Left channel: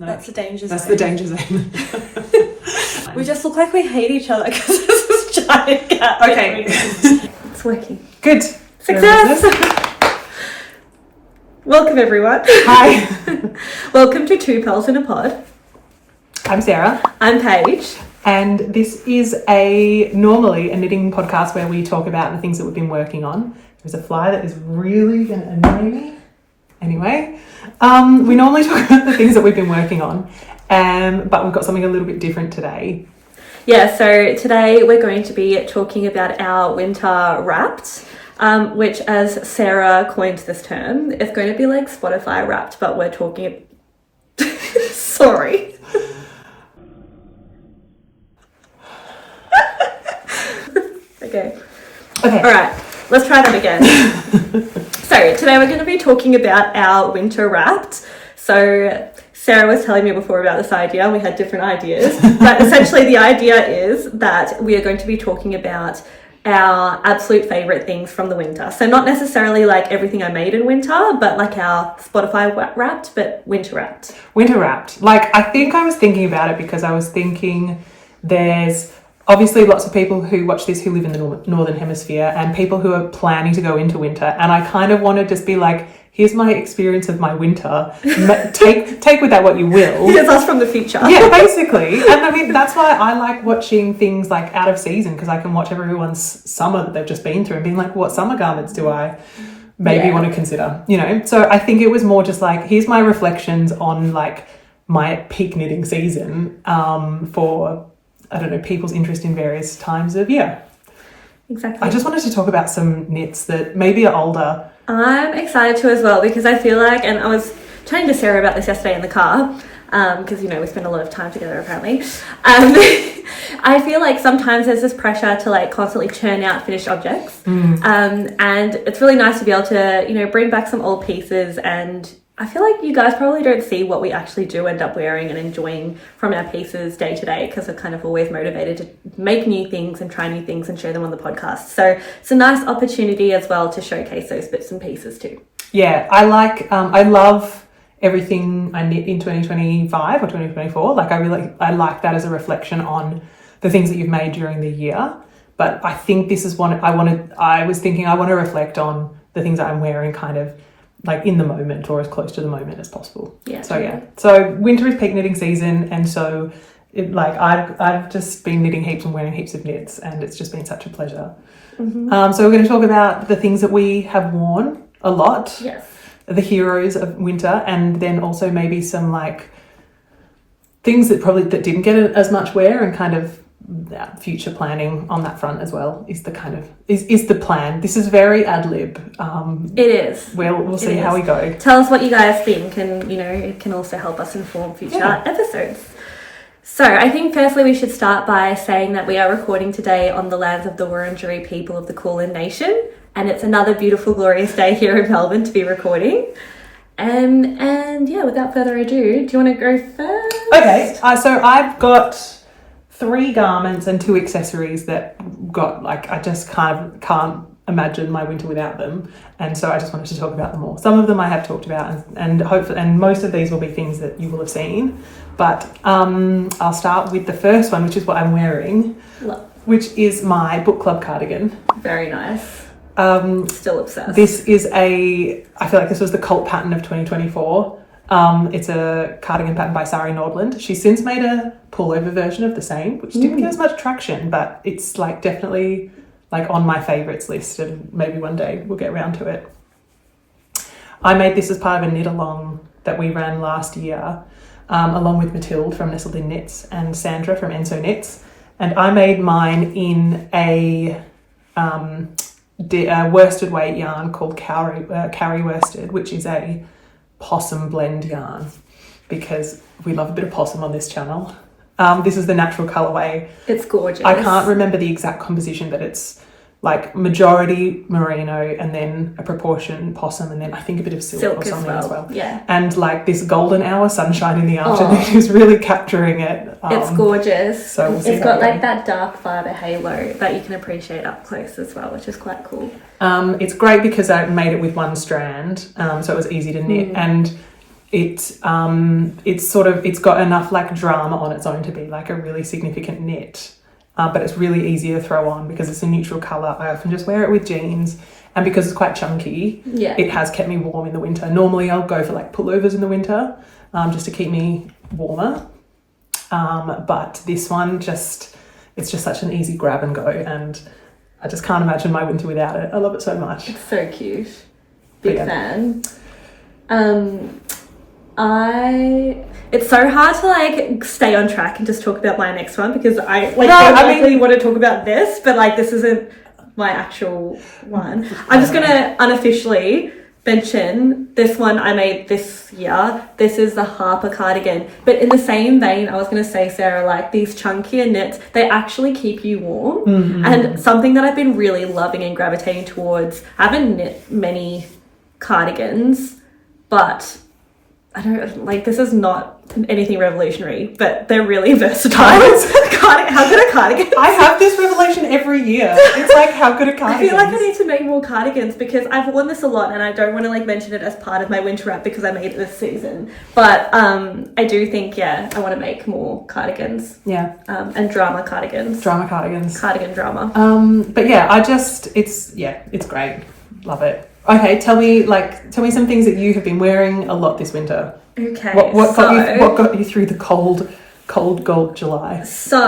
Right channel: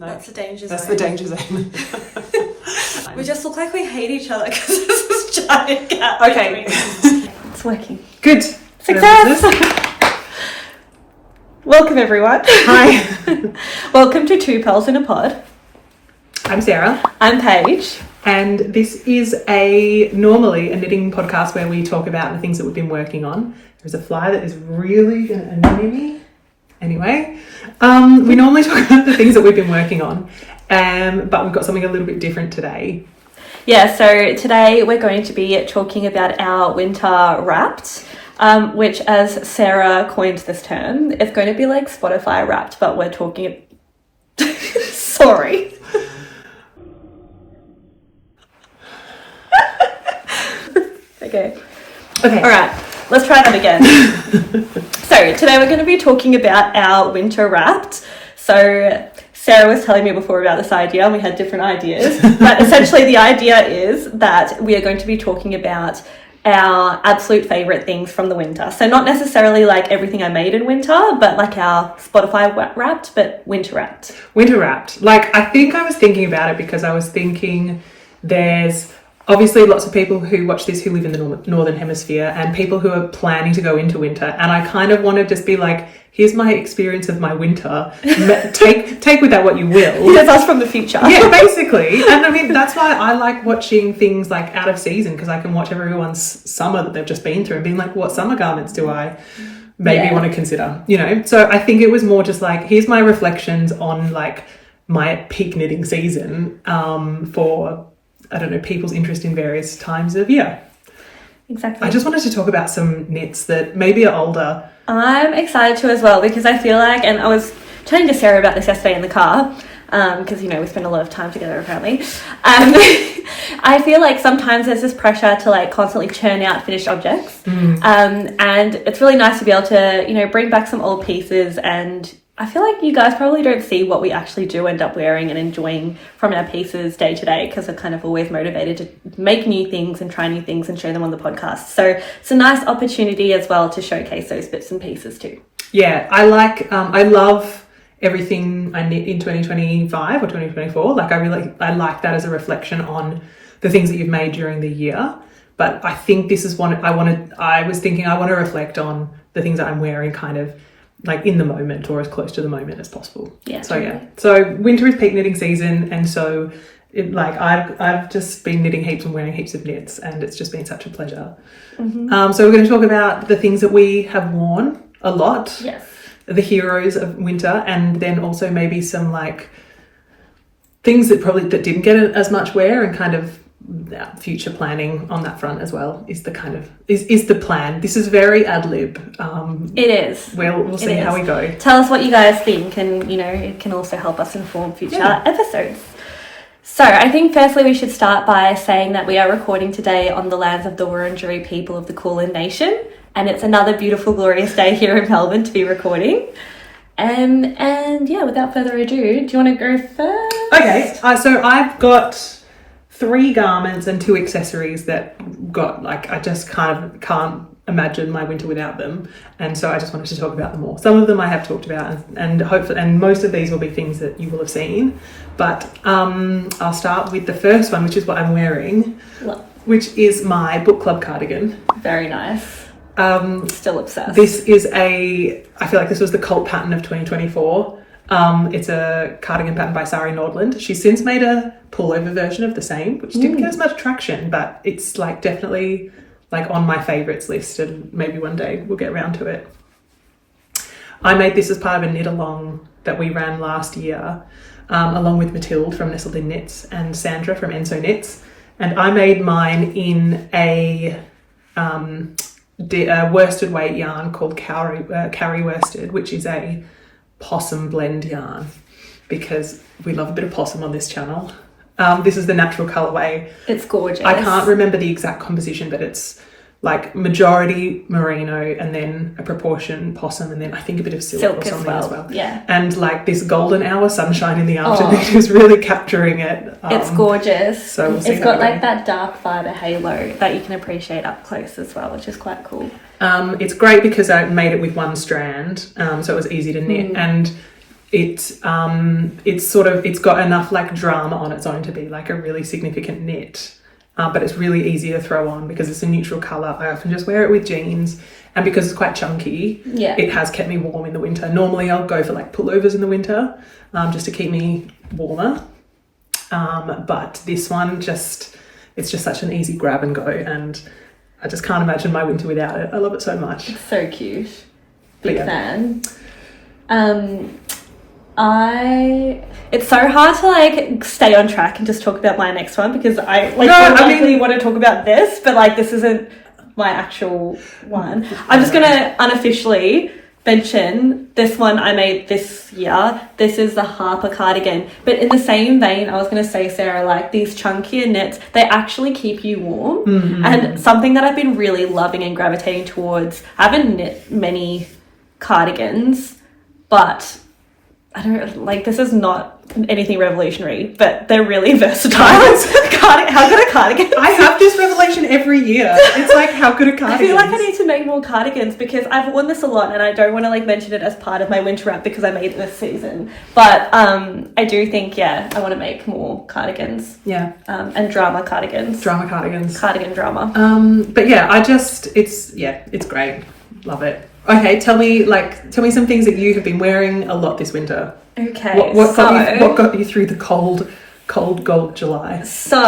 No, that's the danger zone. That's the danger zone. We just look like we hate each other because there's this giant gap. Okay. It's working. Good. Success! Welcome everyone. Hi. Welcome to Two Pearls in a Pod. I'm Sarah. I'm Paige. And this is normally a knitting podcast where we talk about the things that we've been working on. There's a fly that is really going to annoy me. Anyway, we normally talk about the things that we've been working on, but we've got something a little bit different today. Yeah, so today we're going to be talking about our winter wrapped, which, as Sarah coined this term, it's going to be like Spotify wrapped, but we're talking... Sorry. Okay. All right, let's try that again. So today we're going to be talking about our winter wrapped. So Sarah was telling me before about this idea and we had different ideas, but essentially the idea is that we are going to be talking about our absolute favorite things from the winter. So not necessarily like everything I made in winter, but like our Spotify wrapped, but winter wrapped. Winter wrapped. Like, I think I was thinking about it because I was thinking there's obviously lots of people who watch this who live in the northern hemisphere and people who are planning to go into winter, and I kind of want to just be like, here's my experience of my winter, take with that what you will. Here's us from the future. Yeah, basically. And I mean, that's why I like watching things like out of season, because I can watch everyone's summer that they've just been through and being like, what summer garments do I maybe want to consider, you know? So I think it was more just like, here's my reflections on like my peak knitting season for, I don't know, people's interest in various times of year. Exactly. I just wanted to talk about some knits that maybe are older. I'm excited to as well, because I feel like, and I was chatting to Sarah about this yesterday in the car, because, you know, we spend a lot of time together apparently. I feel like sometimes there's this pressure to like constantly churn out finished objects. And it's really nice to be able to, you know, bring back some old pieces, and I feel like you guys probably don't see what we actually do end up wearing and enjoying from our pieces day to day, because we're kind of always motivated to make new things and try new things and show them on the podcast. So it's a nice opportunity as well to showcase those bits and pieces too. Yeah, I love everything I knit in 2025 or 2024. Like I like that as a reflection on the things that you've made during the year. But I think this is one I want to reflect on the things that I'm wearing kind of like in the moment or as close to the moment as possible. Yeah. So totally. Yeah. So winter is peak knitting season, and so I've just been knitting heaps and wearing heaps of knits, and it's just been such a pleasure. So we're going to talk about the things that we have worn a lot. Yes. The heroes of winter, and then also maybe some like things that didn't get as much wear, and kind of future planning on that front as well is the kind of is the plan. This is very ad lib. It is. We'll see how we go. Tell us what you guys think, and you know, it can also help us inform future episodes. So I think firstly we should start by saying that we are recording today on the lands of the Wurundjeri people of the Kulin Nation, and it's another beautiful, glorious day here in Melbourne to be recording. And yeah, without further ado, do you want to go first? Okay, so I've got 3 garments and 2 accessories that got like, I just kind of can't imagine my winter without them, and so I just wanted to talk about them all. Some of them I have talked about, and hopefully, and most of these will be things that you will have seen, but I'll start with the first one, which is what I'm wearing. Which is my book club cardigan. Very nice. Still obsessed. This is I feel like this was the cult pattern of 2024. It's a cardigan pattern by Sari Nordland. She's since made a pullover version of the same, which didn't get as much traction, but it's like definitely like on my favorites list, and maybe one day we'll get around to it. I made this as part of a knit along that we ran last year, along with Mathilde from Nestled in Knits and Sandra from Enso Knits, and I made mine in a worsted weight yarn called Kauri worsted, which is a possum blend yarn, because we love a bit of possum on this channel. This is the natural colorway. It's gorgeous. I can't remember the exact composition, but it's like majority merino and then a proportion possum, and then I think a bit of silk or something as well. Yeah. And like this golden hour sunshine in the afternoon is really capturing it. It's gorgeous. So we'll see it's got like that dark fibre halo that you can appreciate up close as well, which is quite cool. It's great because I made it with one strand, so it was easy to knit, and it's got enough like drama on its own to be like a really significant knit. But it's really easy to throw on because it's a neutral colour. I often just wear it with jeans, and because it's quite chunky, it has kept me warm in the winter. Normally I'll go for like pullovers in the winter, just to keep me warmer. But this one it's just such an easy grab and go, and I just can't imagine my winter without it. I love it so much. It's so cute. Big fan. It's so hard to like stay on track and just talk about my next one because I want to talk about this, but like this isn't my actual one. I'm just gonna unofficially mention this one I made this year. This is the Harper cardigan, but in the same vein, I was gonna say, Sarah, like these chunkier knits, they actually keep you warm, and something that I've been really loving and gravitating towards. I haven't knit many cardigans, but I don't like, this is not anything revolutionary, but they're really versatile. How good a cardigan? I have this revelation every year. It's like, how good a cardigan? I feel like I need to make more cardigans because I've worn this a lot, and I don't want to like mention it as part of my winter wrap because I made it this season. But I do think, I want to make more cardigans. Yeah. And drama cardigans. Drama cardigans. Cardigan drama. But it's great. Love it. Okay, tell me some things that you have been wearing a lot this winter. Okay. What got you through the cold July? So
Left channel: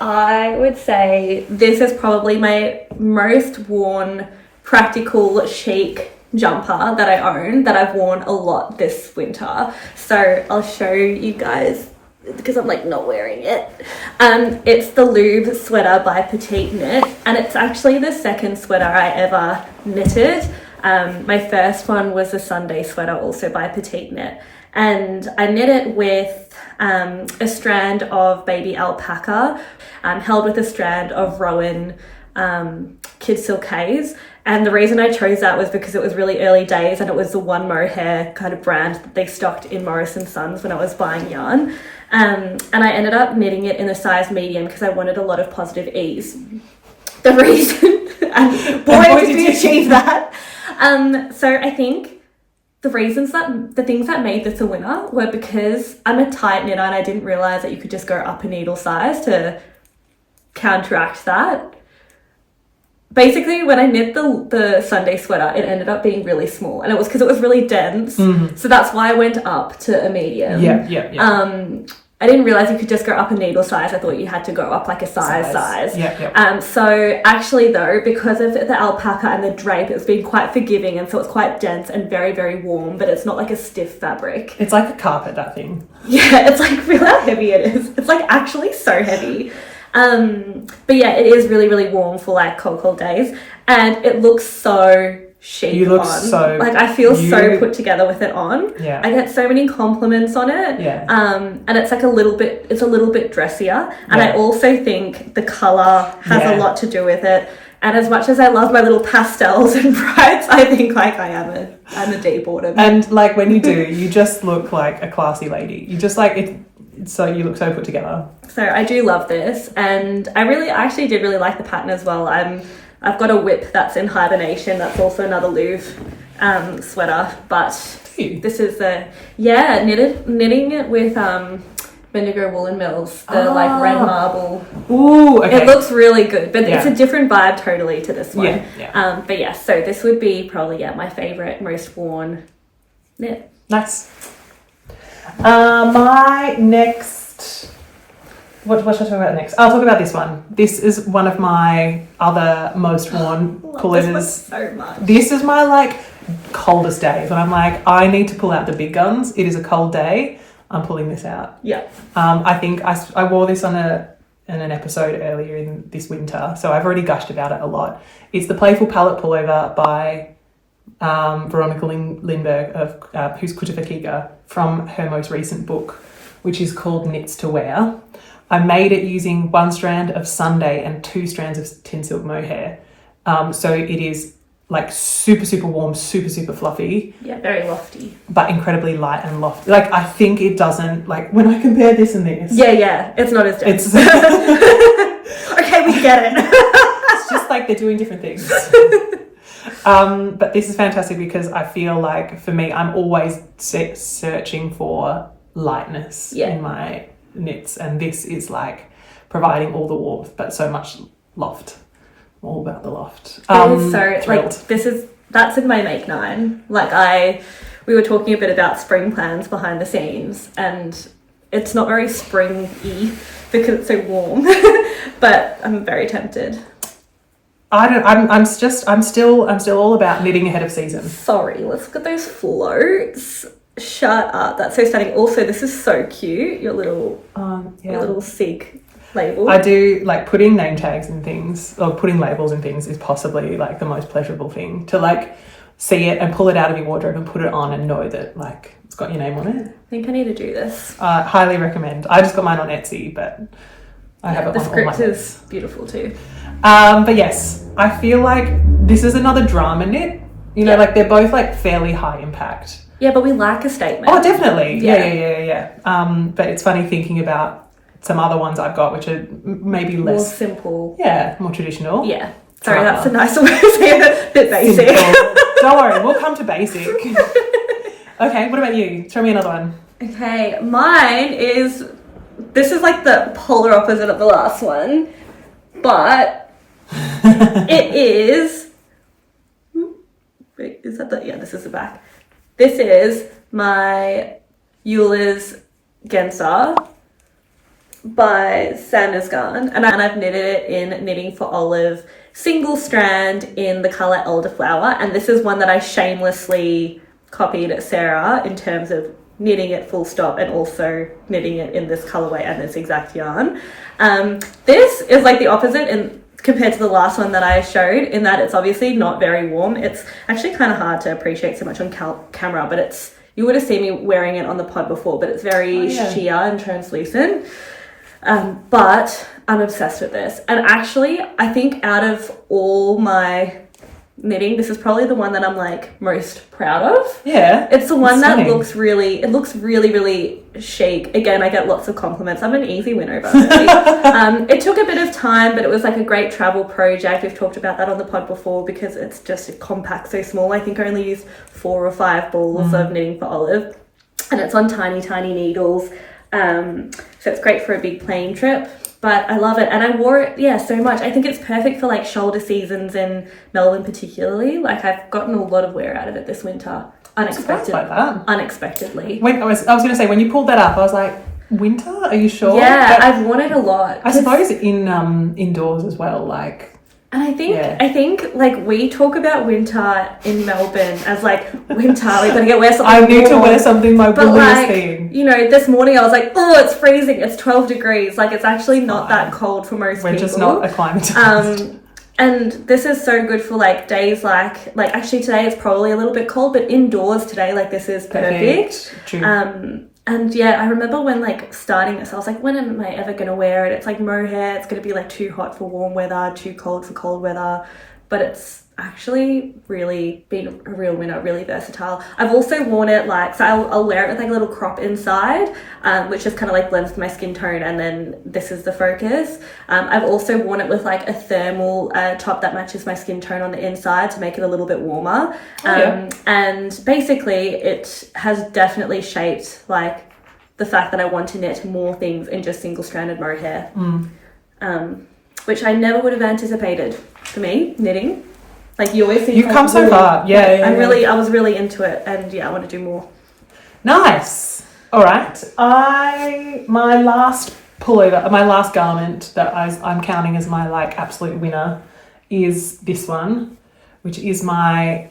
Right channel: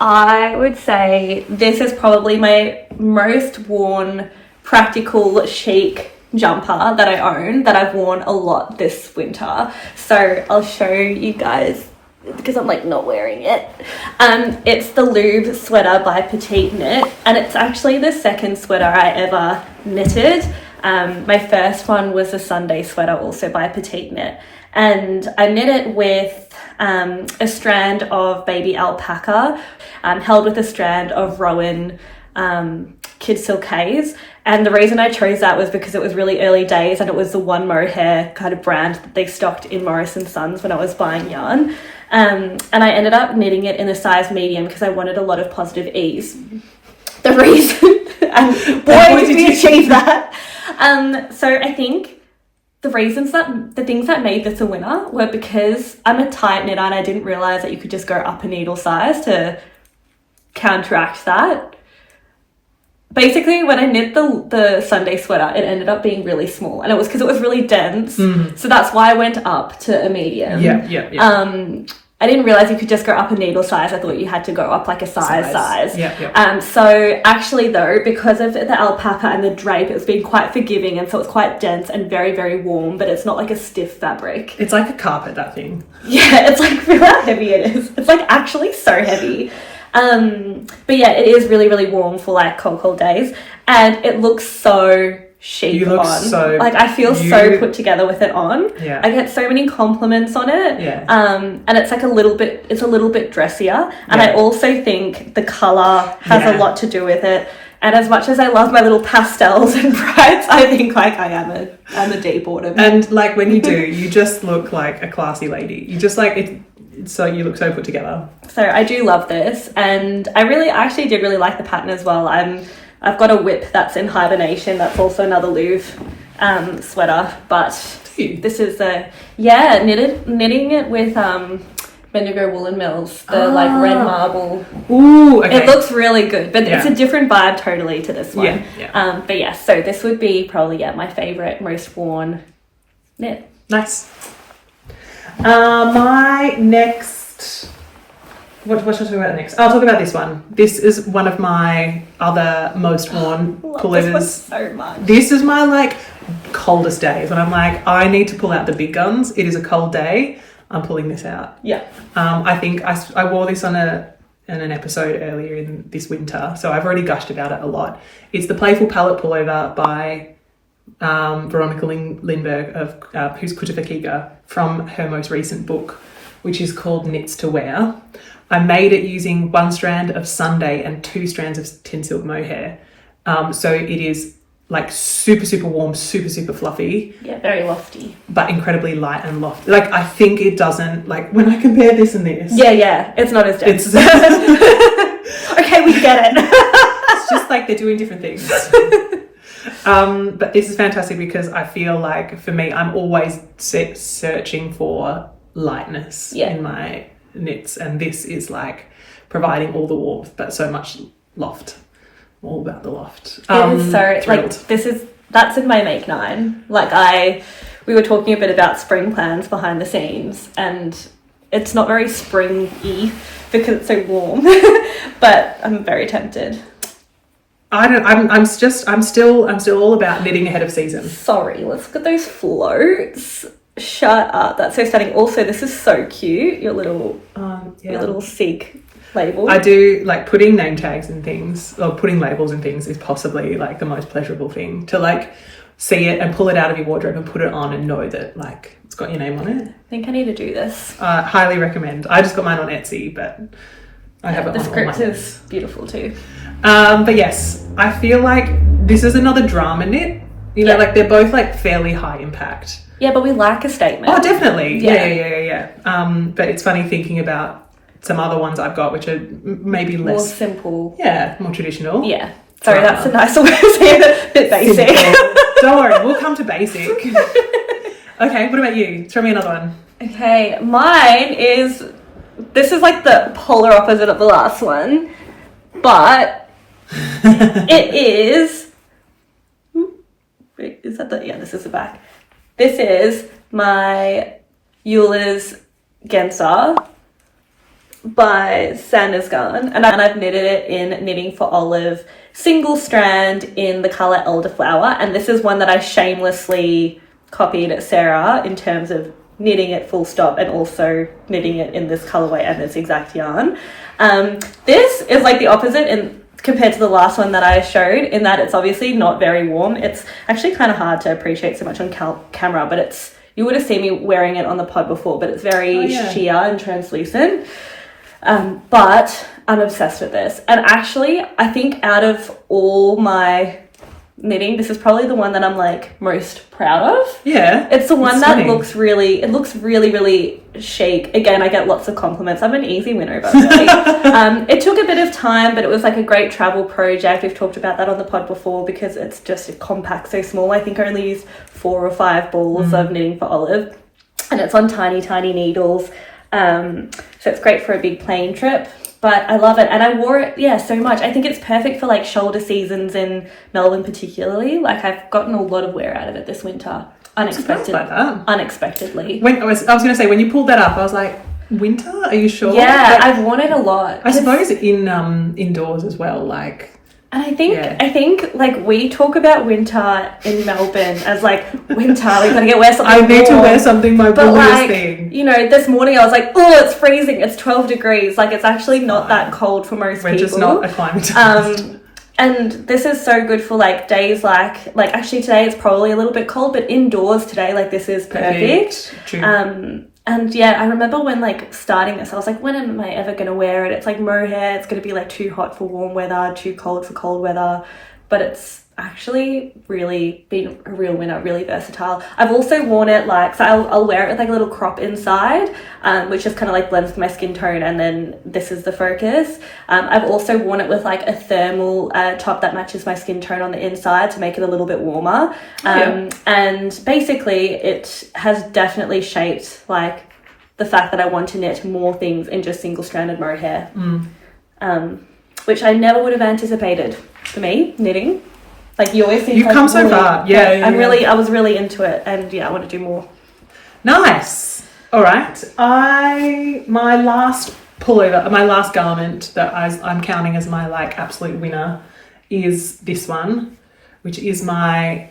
I would say this is probably my most worn practical chic jumper that I own, that I've worn a lot this winter. So I'll show you guys because I'm like not wearing it. It's the Louvre sweater by Petite knit, and it's actually the second sweater I ever knitted. My first one was a Sunday sweater, also by Petite knit, and I knit it with a strand of baby alpaca, held with a strand of Rowan kid silkays. And the reason I chose that was because it was really early days, and it was the one Mohair kind of brand that they stocked in Morris & Sons when I was buying yarn. And I ended up knitting it in a size medium because I wanted a lot of positive ease. The reason, and boy did we achieve that. So I think the things that made this a winner were because I'm a tight knitter, and I didn't realize that you could just go up a needle size to counteract that. Basically, when I knit the Sunday sweater, it ended up being really small, and it was because it was really dense. So that's why I went up to a medium. Yeah. I didn't realize you could just go up a needle size. I thought you had to go up like a size. So actually though, because of the alpaca and the drape, it's been quite forgiving, and so it's quite dense and very, very warm, but it's not like a stiff fabric. It's like a carpet, that thing. Yeah, it's like, feel how heavy it is. It's like actually so heavy. But yeah, it is really, really warm for like cold days, and it looks so chic on. I feel so put together with it on. Yeah. I get so many compliments on it. Yeah. And it's like a little bit dressier. And I also think the colour has a lot to do with it. And as much as I love my little pastels and brights, I think like I'm a deep autumn. And like when you do, you just look like a classy lady. You just like it. So you look so put together. So I do love this, and I actually did really like the pattern as well. I've got a whip that's in hibernation. That's also another Louvre sweater, but this is knitting it with Bendigo Woolen Mills, the like red marble. Ooh, okay. It looks really good, but it's a different vibe totally to this one. But yeah, so this would be probably my favorite, most worn knit. Nice. My next, what should I talk about next? I'll talk about this one. This is one of my other most worn pullovers. This one so much. This is my like coldest days when I'm like, I need to pull out the big guns. It is a cold day. I'm pulling this out. Yeah. I think I wore this on in an episode earlier in this winter, so I've already gushed about it a lot. It's the Playful palette pullover by Veronica Lindberg of who's Kutafakiga, from her most recent book, which is called Knits to Wear. I made it using one strand of Sunday and 2 strands of Tynn silk mohair. So it is like super, super warm, super, super fluffy. Yeah, very lofty. But incredibly light and lofty. Like, I think it doesn't, like, when I compare this and this. Yeah, it's not as dense. Okay, we get it. It's just like they're doing different things. But this is fantastic because I feel like for me, I'm always searching for lightness in my knits, and this is like providing all the warmth but so much loft. All about the loft. It is so thrilled. like that's in my make 9. Like we were talking a bit about spring plans behind the scenes, and it's not very springy because it's so warm. But I'm very tempted. I'm still all about knitting ahead of season. Sorry, let's look at those floats. Shut up. That's so stunning. Also, this is so cute. Your little SIG label. I do like putting name tags and things, or putting labels and things is possibly like the most pleasurable thing, to like see it and pull it out of your wardrobe and put it on and know that like it's got your name on it. I think I need to do this. Highly recommend. I just got mine on Etsy, but I have it on all my The script is beautiful too. But yes, I feel like this is another drama knit. You know, like they're both like fairly high impact. Yeah, but we like a statement. Oh, definitely. Yeah. But it's funny thinking about some other ones I've got, which are maybe less... More simple. Yeah, more traditional. Yeah. Sorry, that's a nicer way of saying it. A bit basic. Don't worry, we'll come to basic. Okay, what about you? Throw me another one. Okay, mine is... This is like the polar opposite of the last one, but it is... Wait, is that the... Yeah, this is the back. This is my Jules Genser by Sandnes Garn, and I've knitted it in Knitting for Olive single strand in the colour elderflower, and this is one that I shamelessly copied Sarah in terms of knitting it full stop and also knitting it in this colourway and this exact yarn. This is like the opposite compared to the last one that I showed, in that it's obviously not very warm. It's actually kind of hard to appreciate so much on camera, but you would have seen me wearing it on the pod before, but it's very sheer and translucent. But I'm obsessed with this. And actually, I think out of all my knitting, this is probably the one that I'm like most proud of. Yeah. It's the one that looks really, really chic. Again, I get lots of compliments. I'm an easy winner, by the way. It took a bit of time, but it was like a great travel project. We've talked about that on the pod before because it's just compact, so small. I think I only used 4 or 5 balls of Knitting for Olive, and it's on tiny needles. So it's great for a big plane trip, but I love it. And I wore it, so much. I think it's perfect for like shoulder seasons in Melbourne particularly. Like I've gotten a lot of wear out of it this winter. Unexpectedly. I was going to say, when you pulled that up, I was like, winter? Are you sure? Yeah, I've worn it a lot. I suppose indoors as well, like... And I think like we talk about winter in Melbourne as like winter, we gotta wear something. I need to wear something my like, thing. You know, this morning I was like, oh, it's freezing. It's 12 degrees. Like it's actually not that cold for most people. We're just not acclimatized. And this is so good for like days like actually today it's probably a little bit cold, but indoors today like this is perfect. True. And yeah, I remember when like starting this, I was like, when am I ever going to wear it? It's like mohair. It's going to be like too hot for warm weather, too cold for cold weather. But it's actually really been a real winner, really versatile. I've also worn it like, so I'll wear it with like a little crop inside, which just kind of like blends with my skin tone. And then this is the focus. I've also worn it with like a thermal top that matches my skin tone on the inside to make it a little bit warmer. And basically it has definitely shaped like the fact that I want to knit more things in just single stranded mohair, which I never would have anticipated for me knitting. Like you always think you've come so far. I was really into it, and I want to do more. Nice. All right. My last pullover, my last garment that I'm counting as my like absolute winner is this one, which is my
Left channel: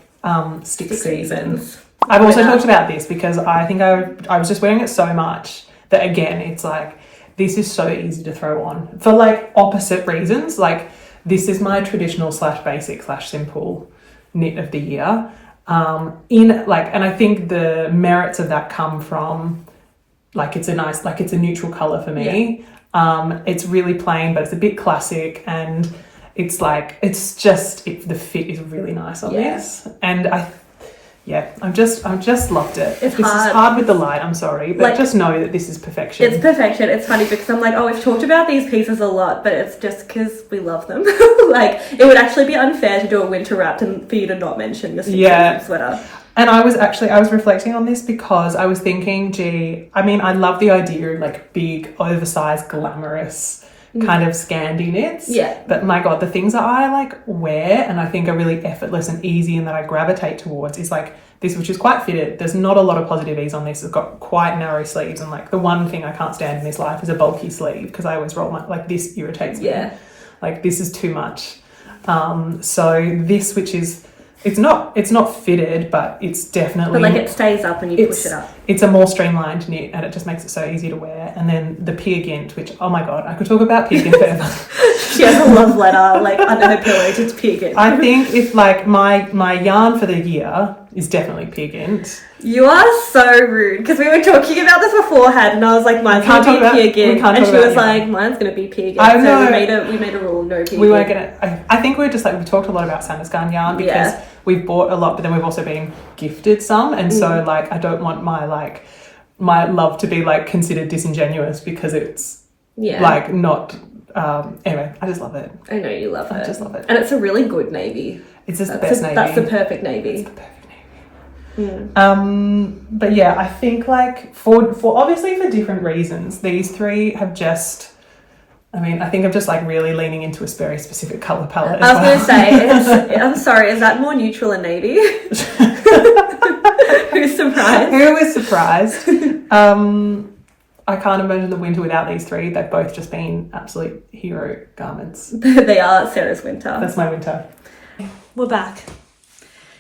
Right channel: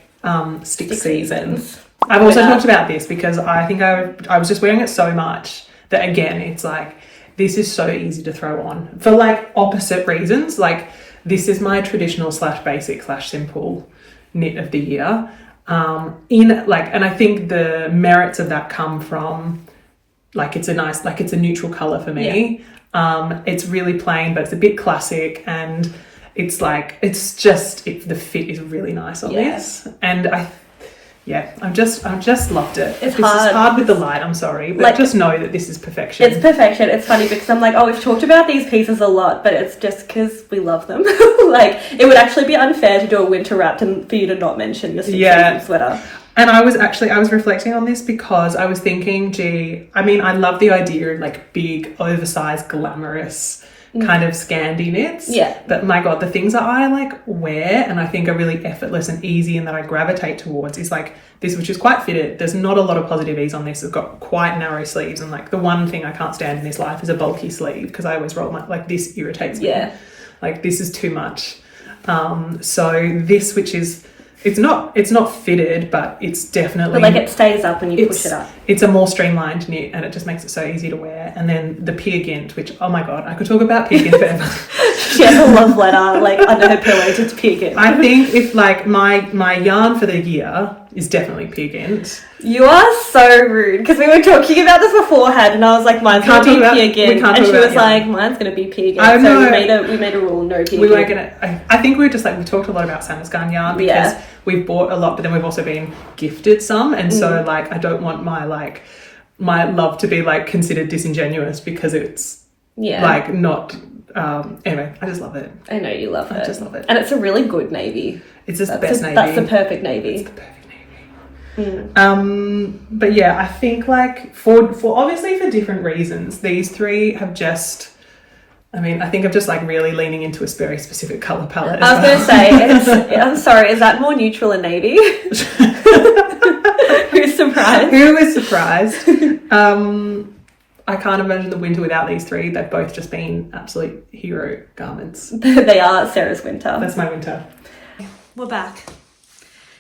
stick seasons. I've also talked about this because I think I was just wearing it so much that again it's like this is so easy to throw on for like opposite reasons. Like this is my traditional / basic / simple knit of the year. And I think the merits of that come from like it's a nice, like it's a neutral color for me. It's really plain, but it's a bit classic, and it's like the fit is really nice on this. And Yeah, I've just loved it. It's this hard. is hard with the light, I'm sorry. But Like, just know that this is perfection. It's perfection. It's funny because I'm like, oh, we've talked about these pieces a lot, but it's just because we love them. Like, it would actually be unfair to do a winter wrap and for you to not mention your season sweater. And I was reflecting on this because I was thinking, I mean, I love the idea of like big, oversized, glamorous kind of Scandi knits. Yeah. But my God, the things that I like wear and I think are really effortless and easy and that I gravitate towards is like this, which is quite fitted. There's not a lot of positive ease on this. It's got quite narrow sleeves. And like the one thing I can't stand in this life is a bulky sleeve because I always roll like this irritates me. Yeah. Like this is too much. So this, which is, it's not fitted, but it's definitely... But like it stays up when you push it up. It's a more streamlined knit and it just makes it so easy to wear. And then the Gynt, which, oh my God, I could talk about Gynt forever. She has a love letter like under her pillow to Gynt. I think if like my yarn for the year is definitely Gynt. You are so rude because we were talking about this beforehand and I was like, mine's going to be Gynt. And she was like, mine's going to be Gynt. So we made a rule, no Gynt. We weren't going to... I think we talked a lot about Sandnes Garn yarn because we've bought a lot, but then we've also been gifted some. And so like, I don't want my love to be like considered disingenuous because it's like not... anyway, I just love it. I know you love it. I just love it. And it's a really good navy. It's just the best navy. That's the perfect navy. It's the perfect navy. But yeah, I think like for obviously for different reasons, these three have just... I mean, I think I'm just like really leaning into a very specific colour palette. I was going to say, I'm sorry, is that more neutral and navy? Who's surprised? Who is surprised? I can't imagine the winter without these three. They've both just been absolute hero garments. They are Sarah's winter. That's my winter. We're back.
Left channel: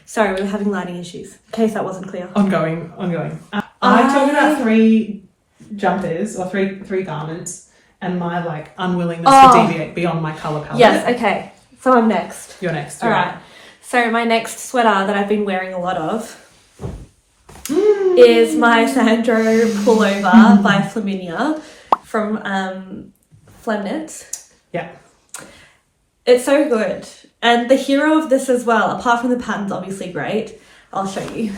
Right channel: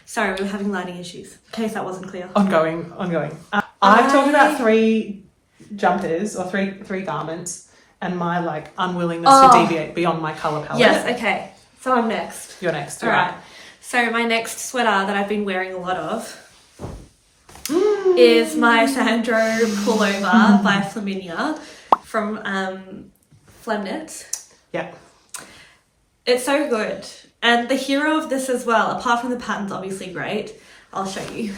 Sorry, we were having lighting issues. In case that wasn't clear. Ongoing. I talked about three jumpers or three garments and my like unwillingness to deviate beyond my colour palette. Yes, okay. So I'm next. You're next. All right. So my next sweater that I've been wearing a lot of is my Sandro Pullover by Flaminia from Flemnitz. Yeah. It's so good. And the hero of this as well, apart from the pattern's obviously great, I'll show you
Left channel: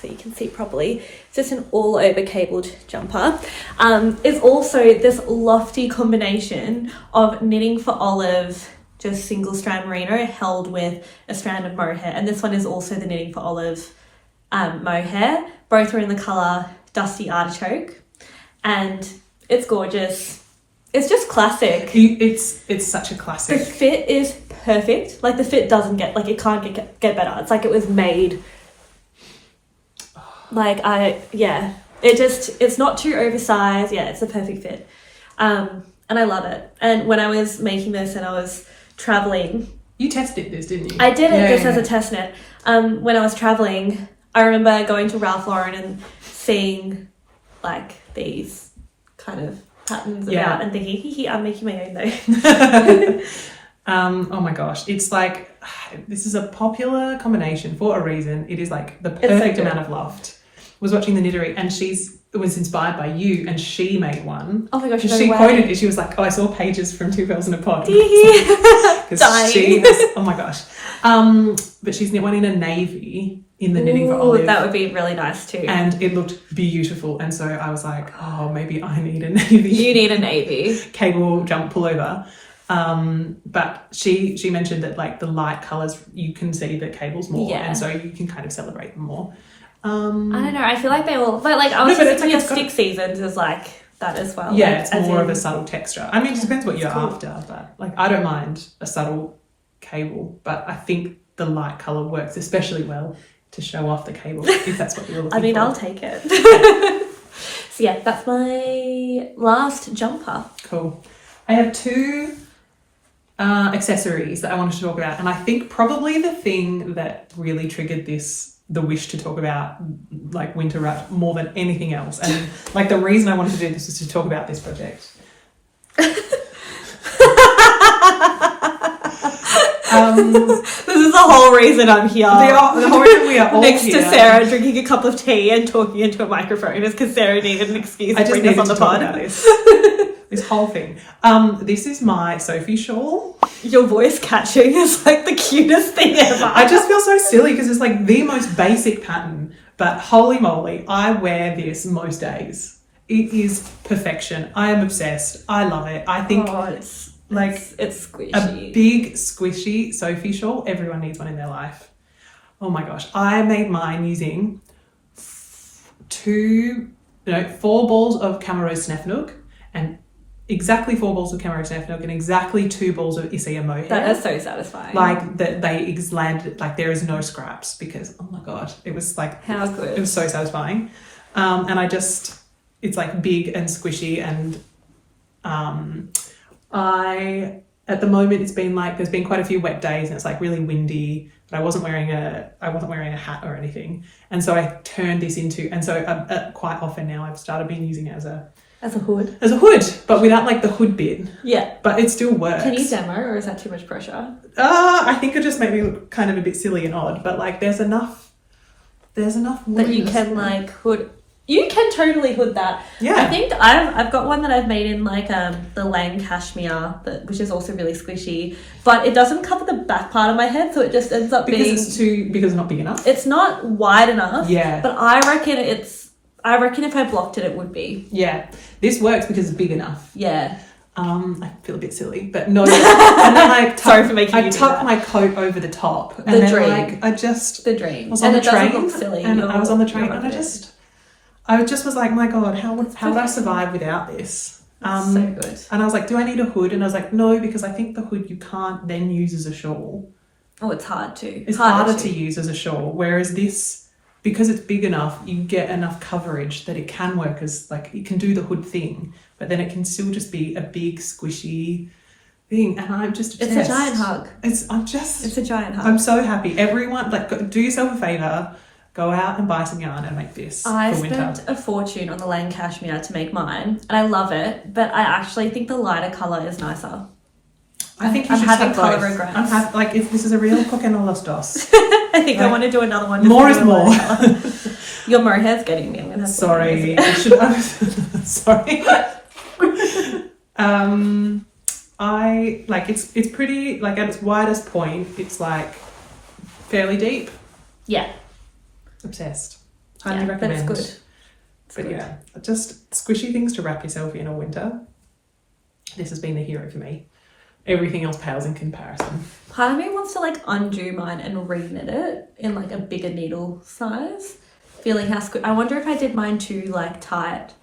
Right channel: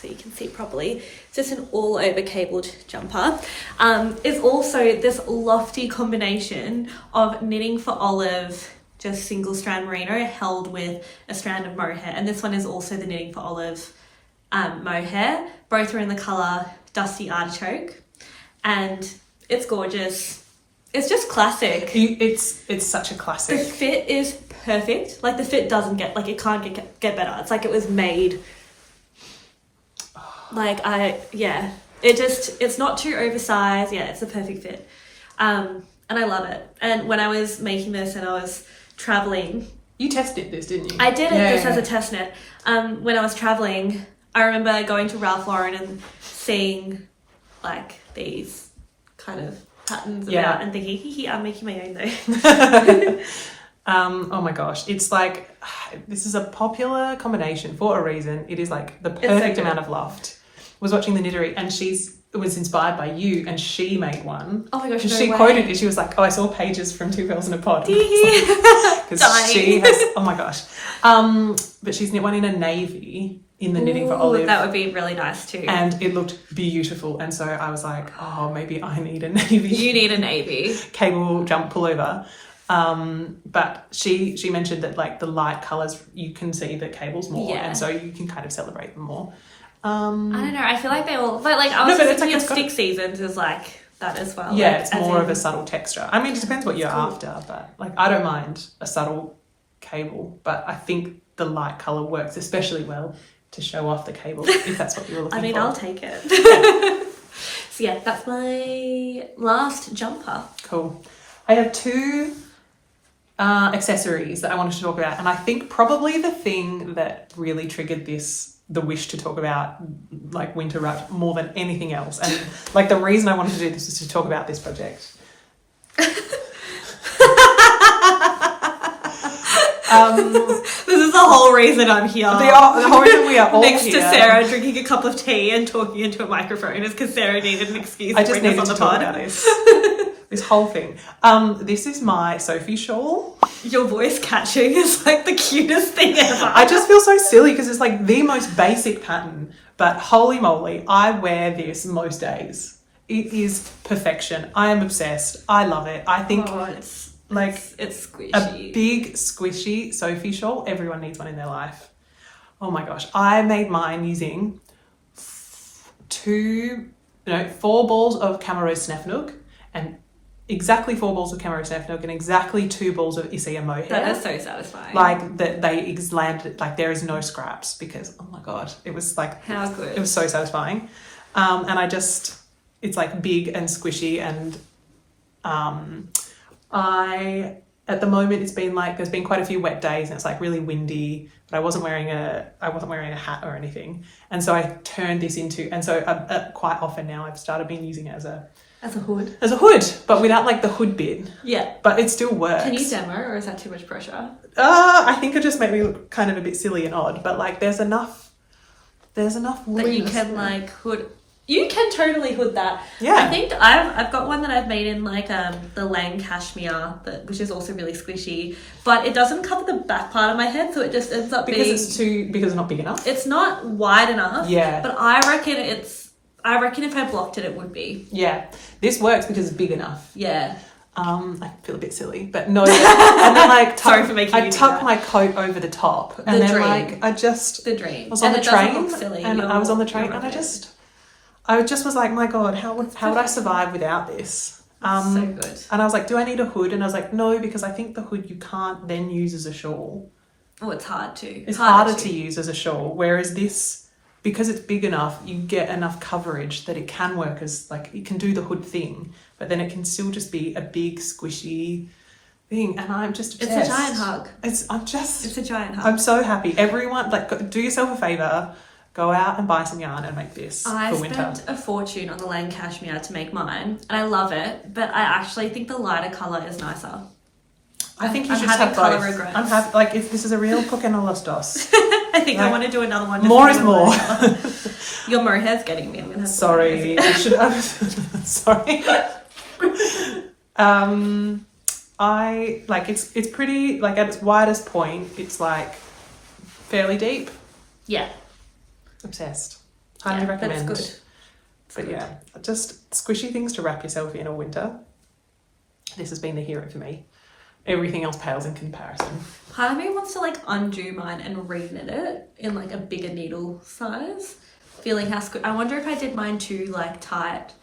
so you can see properly. It's just an all over cabled jumper. It's also this lofty combination of knitting for olive, just single strand merino held with a strand of mohair. And this one is also the knitting for olive mohair. Both are in the colour Dusty Artichoke. And it's gorgeous. It's just classic. It's such a classic. The fit is perfect. Like the fit doesn't get, like it can't get better. It's like it was made. Like it's not too oversized. Yeah, it's a perfect fit. And I love it. And when I was making this and I was traveling. You tested this, didn't you? I did this as a test knit. When I was traveling, I remember going to Ralph Lauren and seeing like these kind of patterns about and thinking, hee, I'm making my own though. Oh my goch, it's like this is a popular combination for a reason. It is like the perfect amount of loft. Was watching the Knittery and it was inspired by you and she made one. Oh my gosh, she quoted it. She was like, oh, I saw pages from Two Girls in a Pod. Dying. She has, oh my gosh. But she's knit one in a navy in the knitting for olive. That would be really nice too. And it looked beautiful. And so I was like, oh, maybe I need a navy. You need a navy. Cable jump pullover. But she mentioned that like the light colours, you can see the cables more. And so you can kind of celebrate them more. I don't know. I feel like they all, but like I was thinking of Stick Seasons is like that as well. Yeah, like, it's more of a subtle texture. I mean, it depends what you're after, but like I don't mind a subtle cable, but I think the light colour works especially well to show off the cable if that's what you're looking for. I mean, I'll take it. So yeah, that's my last jumper. Cool. I have two accessories that I wanted to talk about, and I think probably the thing that really triggered the wish to talk about like winter wrap more than anything else, and like the reason I wanted to do this is to talk about this project. This is the whole reason I'm here. The whole reason we are all next here. to Sarah drinking a cup of tea and talking into a microphone is because Sarah needed an excuse to bring us on the pod. This whole thing. This is my Sophie Shawl. Your voice catching is like the cutest thing ever. I just feel so silly because it's like the most basic pattern, but holy moly, I wear this most days. It is perfection. I am obsessed. I love it. I think it's squishy. A big squishy Sophie Shawl. Everyone needs one in their life. Oh my gosh. I made mine using 4 balls of CaMaRose Snefnug and exactly 4 balls of CaMaRose Snefnug and exactly 2 balls of Isager Mohair. That is so satisfying. Like that they landed, like there is no scraps because, oh my God, it was like, how good. It was so satisfying. And it's like big and squishy and at the moment it's been like, there's been quite a few wet days and it's like really windy, but I wasn't wearing a hat or anything. And so I turned this into, and so quite often now I've started being using it as a hood, but without like the hood bit. Yeah. But it still works. Can you demo or is that too much pressure? I think it just made me look kind of a bit silly and odd, but like there's enough that you can like hood. You can totally hood that. Yeah. I think I've got one that I've made in like the Lang cashmere, which is also really squishy, but it doesn't cover the back part of my head, so it just ends up because it's not big enough. It's not wide enough. Yeah. But I reckon if I blocked it would be. Yeah. This works because it's big enough. Yeah. I feel a bit silly, but no. And then like sorry for making you do tuck that. my coat over the top. And the then dream. Like the dream. Was on and the it train, doesn't look silly. And I was on the train and I just was like, my God, how would I survive without this? So good. And I was like, do I need a hood? And I was like, no, because I think the hood you can't then use as a shawl. Oh, it's hard to. It's harder to use as a shawl. Whereas this, because it's big enough, you get enough coverage that it can work as like, it can do the hood thing, but then it can still just be a big squishy thing. And I'm just obsessed. It's a giant hug. It's a giant hug. I'm so happy. Everyone, like, do yourself a favor. Go out and buy some yarn and make this for winter. I spent a fortune on the Lang cashmere to make mine, and I love it, but I actually think the lighter colour is nicer. I think I'm having colour regrets. If this is a real cock and a los dos. I think I want to do another one. Just more is more. Your mohair's getting me. I'm gonna have sorry. I should have. Sorry. I like it's pretty, like at its widest point, it's like fairly deep. Yeah. Obsessed. Highly recommend. That's good. But yeah, just squishy things to wrap yourself in all winter. This has been the hero for me. Everything else pales in comparison. Part of me wants to like undo mine and re-knit it in like a bigger needle size. Feeling how I wonder if I did mine too like tight,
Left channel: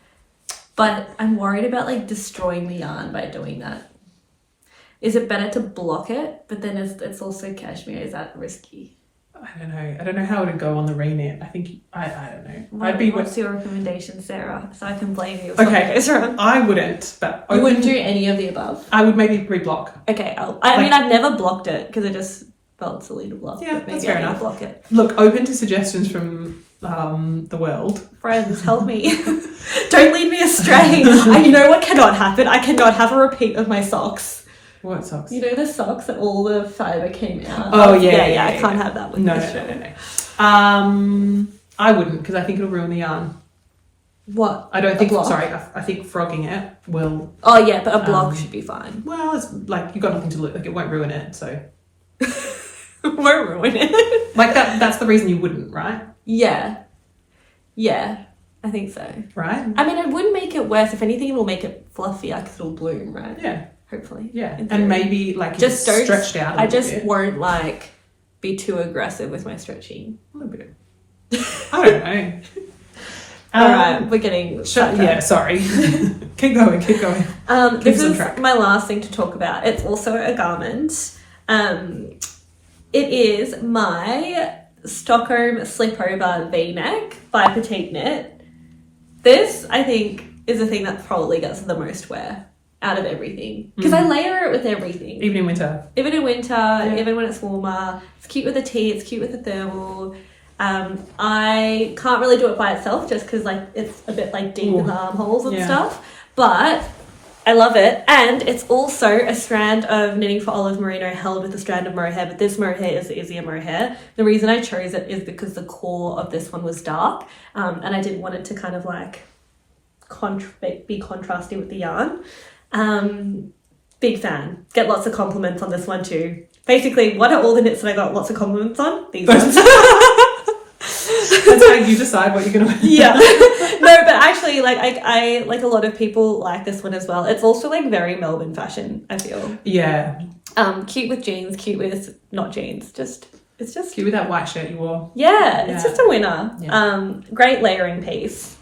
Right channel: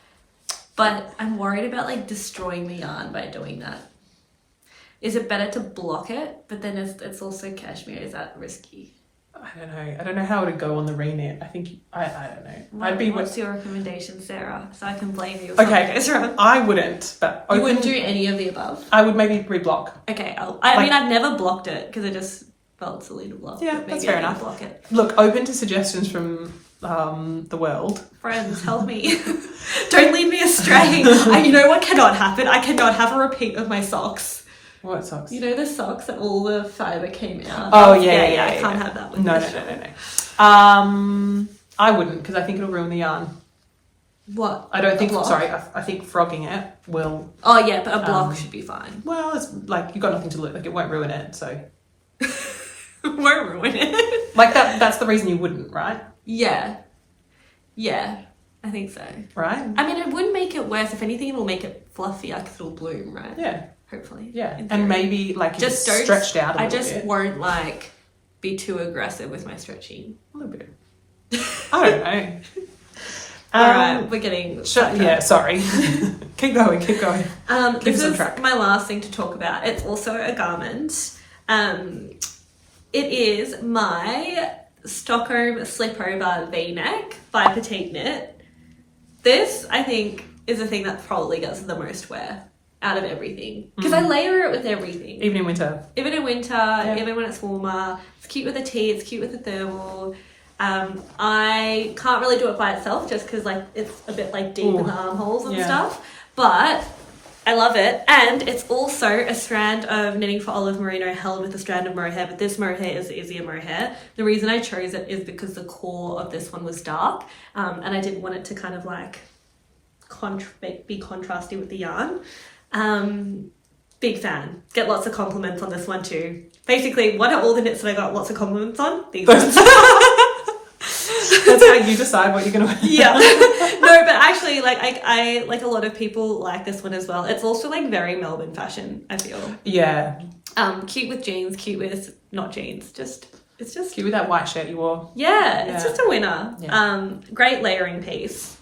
but I'm worried about like destroying the yarn by doing that. Is it better to block it? But then it's also cashmere. Is that risky? I don't know how it would go on the re-knit. I think I don't know. What's your recommendation, Sarah? So I can blame you if something goes wrong. I wouldn't, but you wouldn't do any of the above. I would maybe reblock. Okay, I mean I've never blocked it because it just felt silly to block. Yeah, but maybe that's fair I need enough. to block it. Look, open to suggestions from the world. Friends, help me! Don't lead me astray. You know what cannot happen? I cannot have a repeat of my socks. What socks? You know the socks that all the fibre came out? Oh, yeah. I can't have that with No. I wouldn't, because I think it'll ruin the yarn. What? I don't think, I think frogging it will... Oh, yeah, but a block should be fine. Well, it's like, you've got nothing to lose. Like, it won't ruin it, so... It won't ruin it. Like, that's the reason you wouldn't, right? Yeah. Yeah, I think so. Right? I mean, it wouldn't make it worse. If anything, it will make it fluffier because it'll bloom, right? Yeah. Hopefully. Yeah. And maybe, like, just don't, stretched out a little bit. won't, like, be too aggressive with my stretching. A little bit. I don't know. All right, we're getting sidetracked. Yeah, sorry. Keep going. This is my last thing to talk about. It's also a garment. It is my Stockholm slipover V-neck by Petite knit. This, I think, is the thing that probably gets the most wear out of everything. Because I layer it with everything. Even in winter. Even in winter, even when it's warmer. It's cute with a tee, it's cute with a thermal. I can't really do it by itself just because like it's a bit like deep in the armholes and stuff. But I love it. And it's also a strand of Knitting for Olive Merino held with a strand of mohair, but this mohair is the Isager mohair. The reason I chose it is because the core of this one was dark, and I didn't want it to kind of like be contrasty with the yarn. Big fan. Get lots of compliments on this one too. Basically, what are all the knits that I got lots of compliments on? These ones. That's how you decide what you're going to wear. Yeah. No, but actually, like, I like a lot of people like this one as well. It's also like very Melbourne fashion, I feel. Yeah. Cute with jeans, cute with not jeans. It's just cute with that white shirt you wore. Yeah, it's just a winner. Yeah. Great layering piece.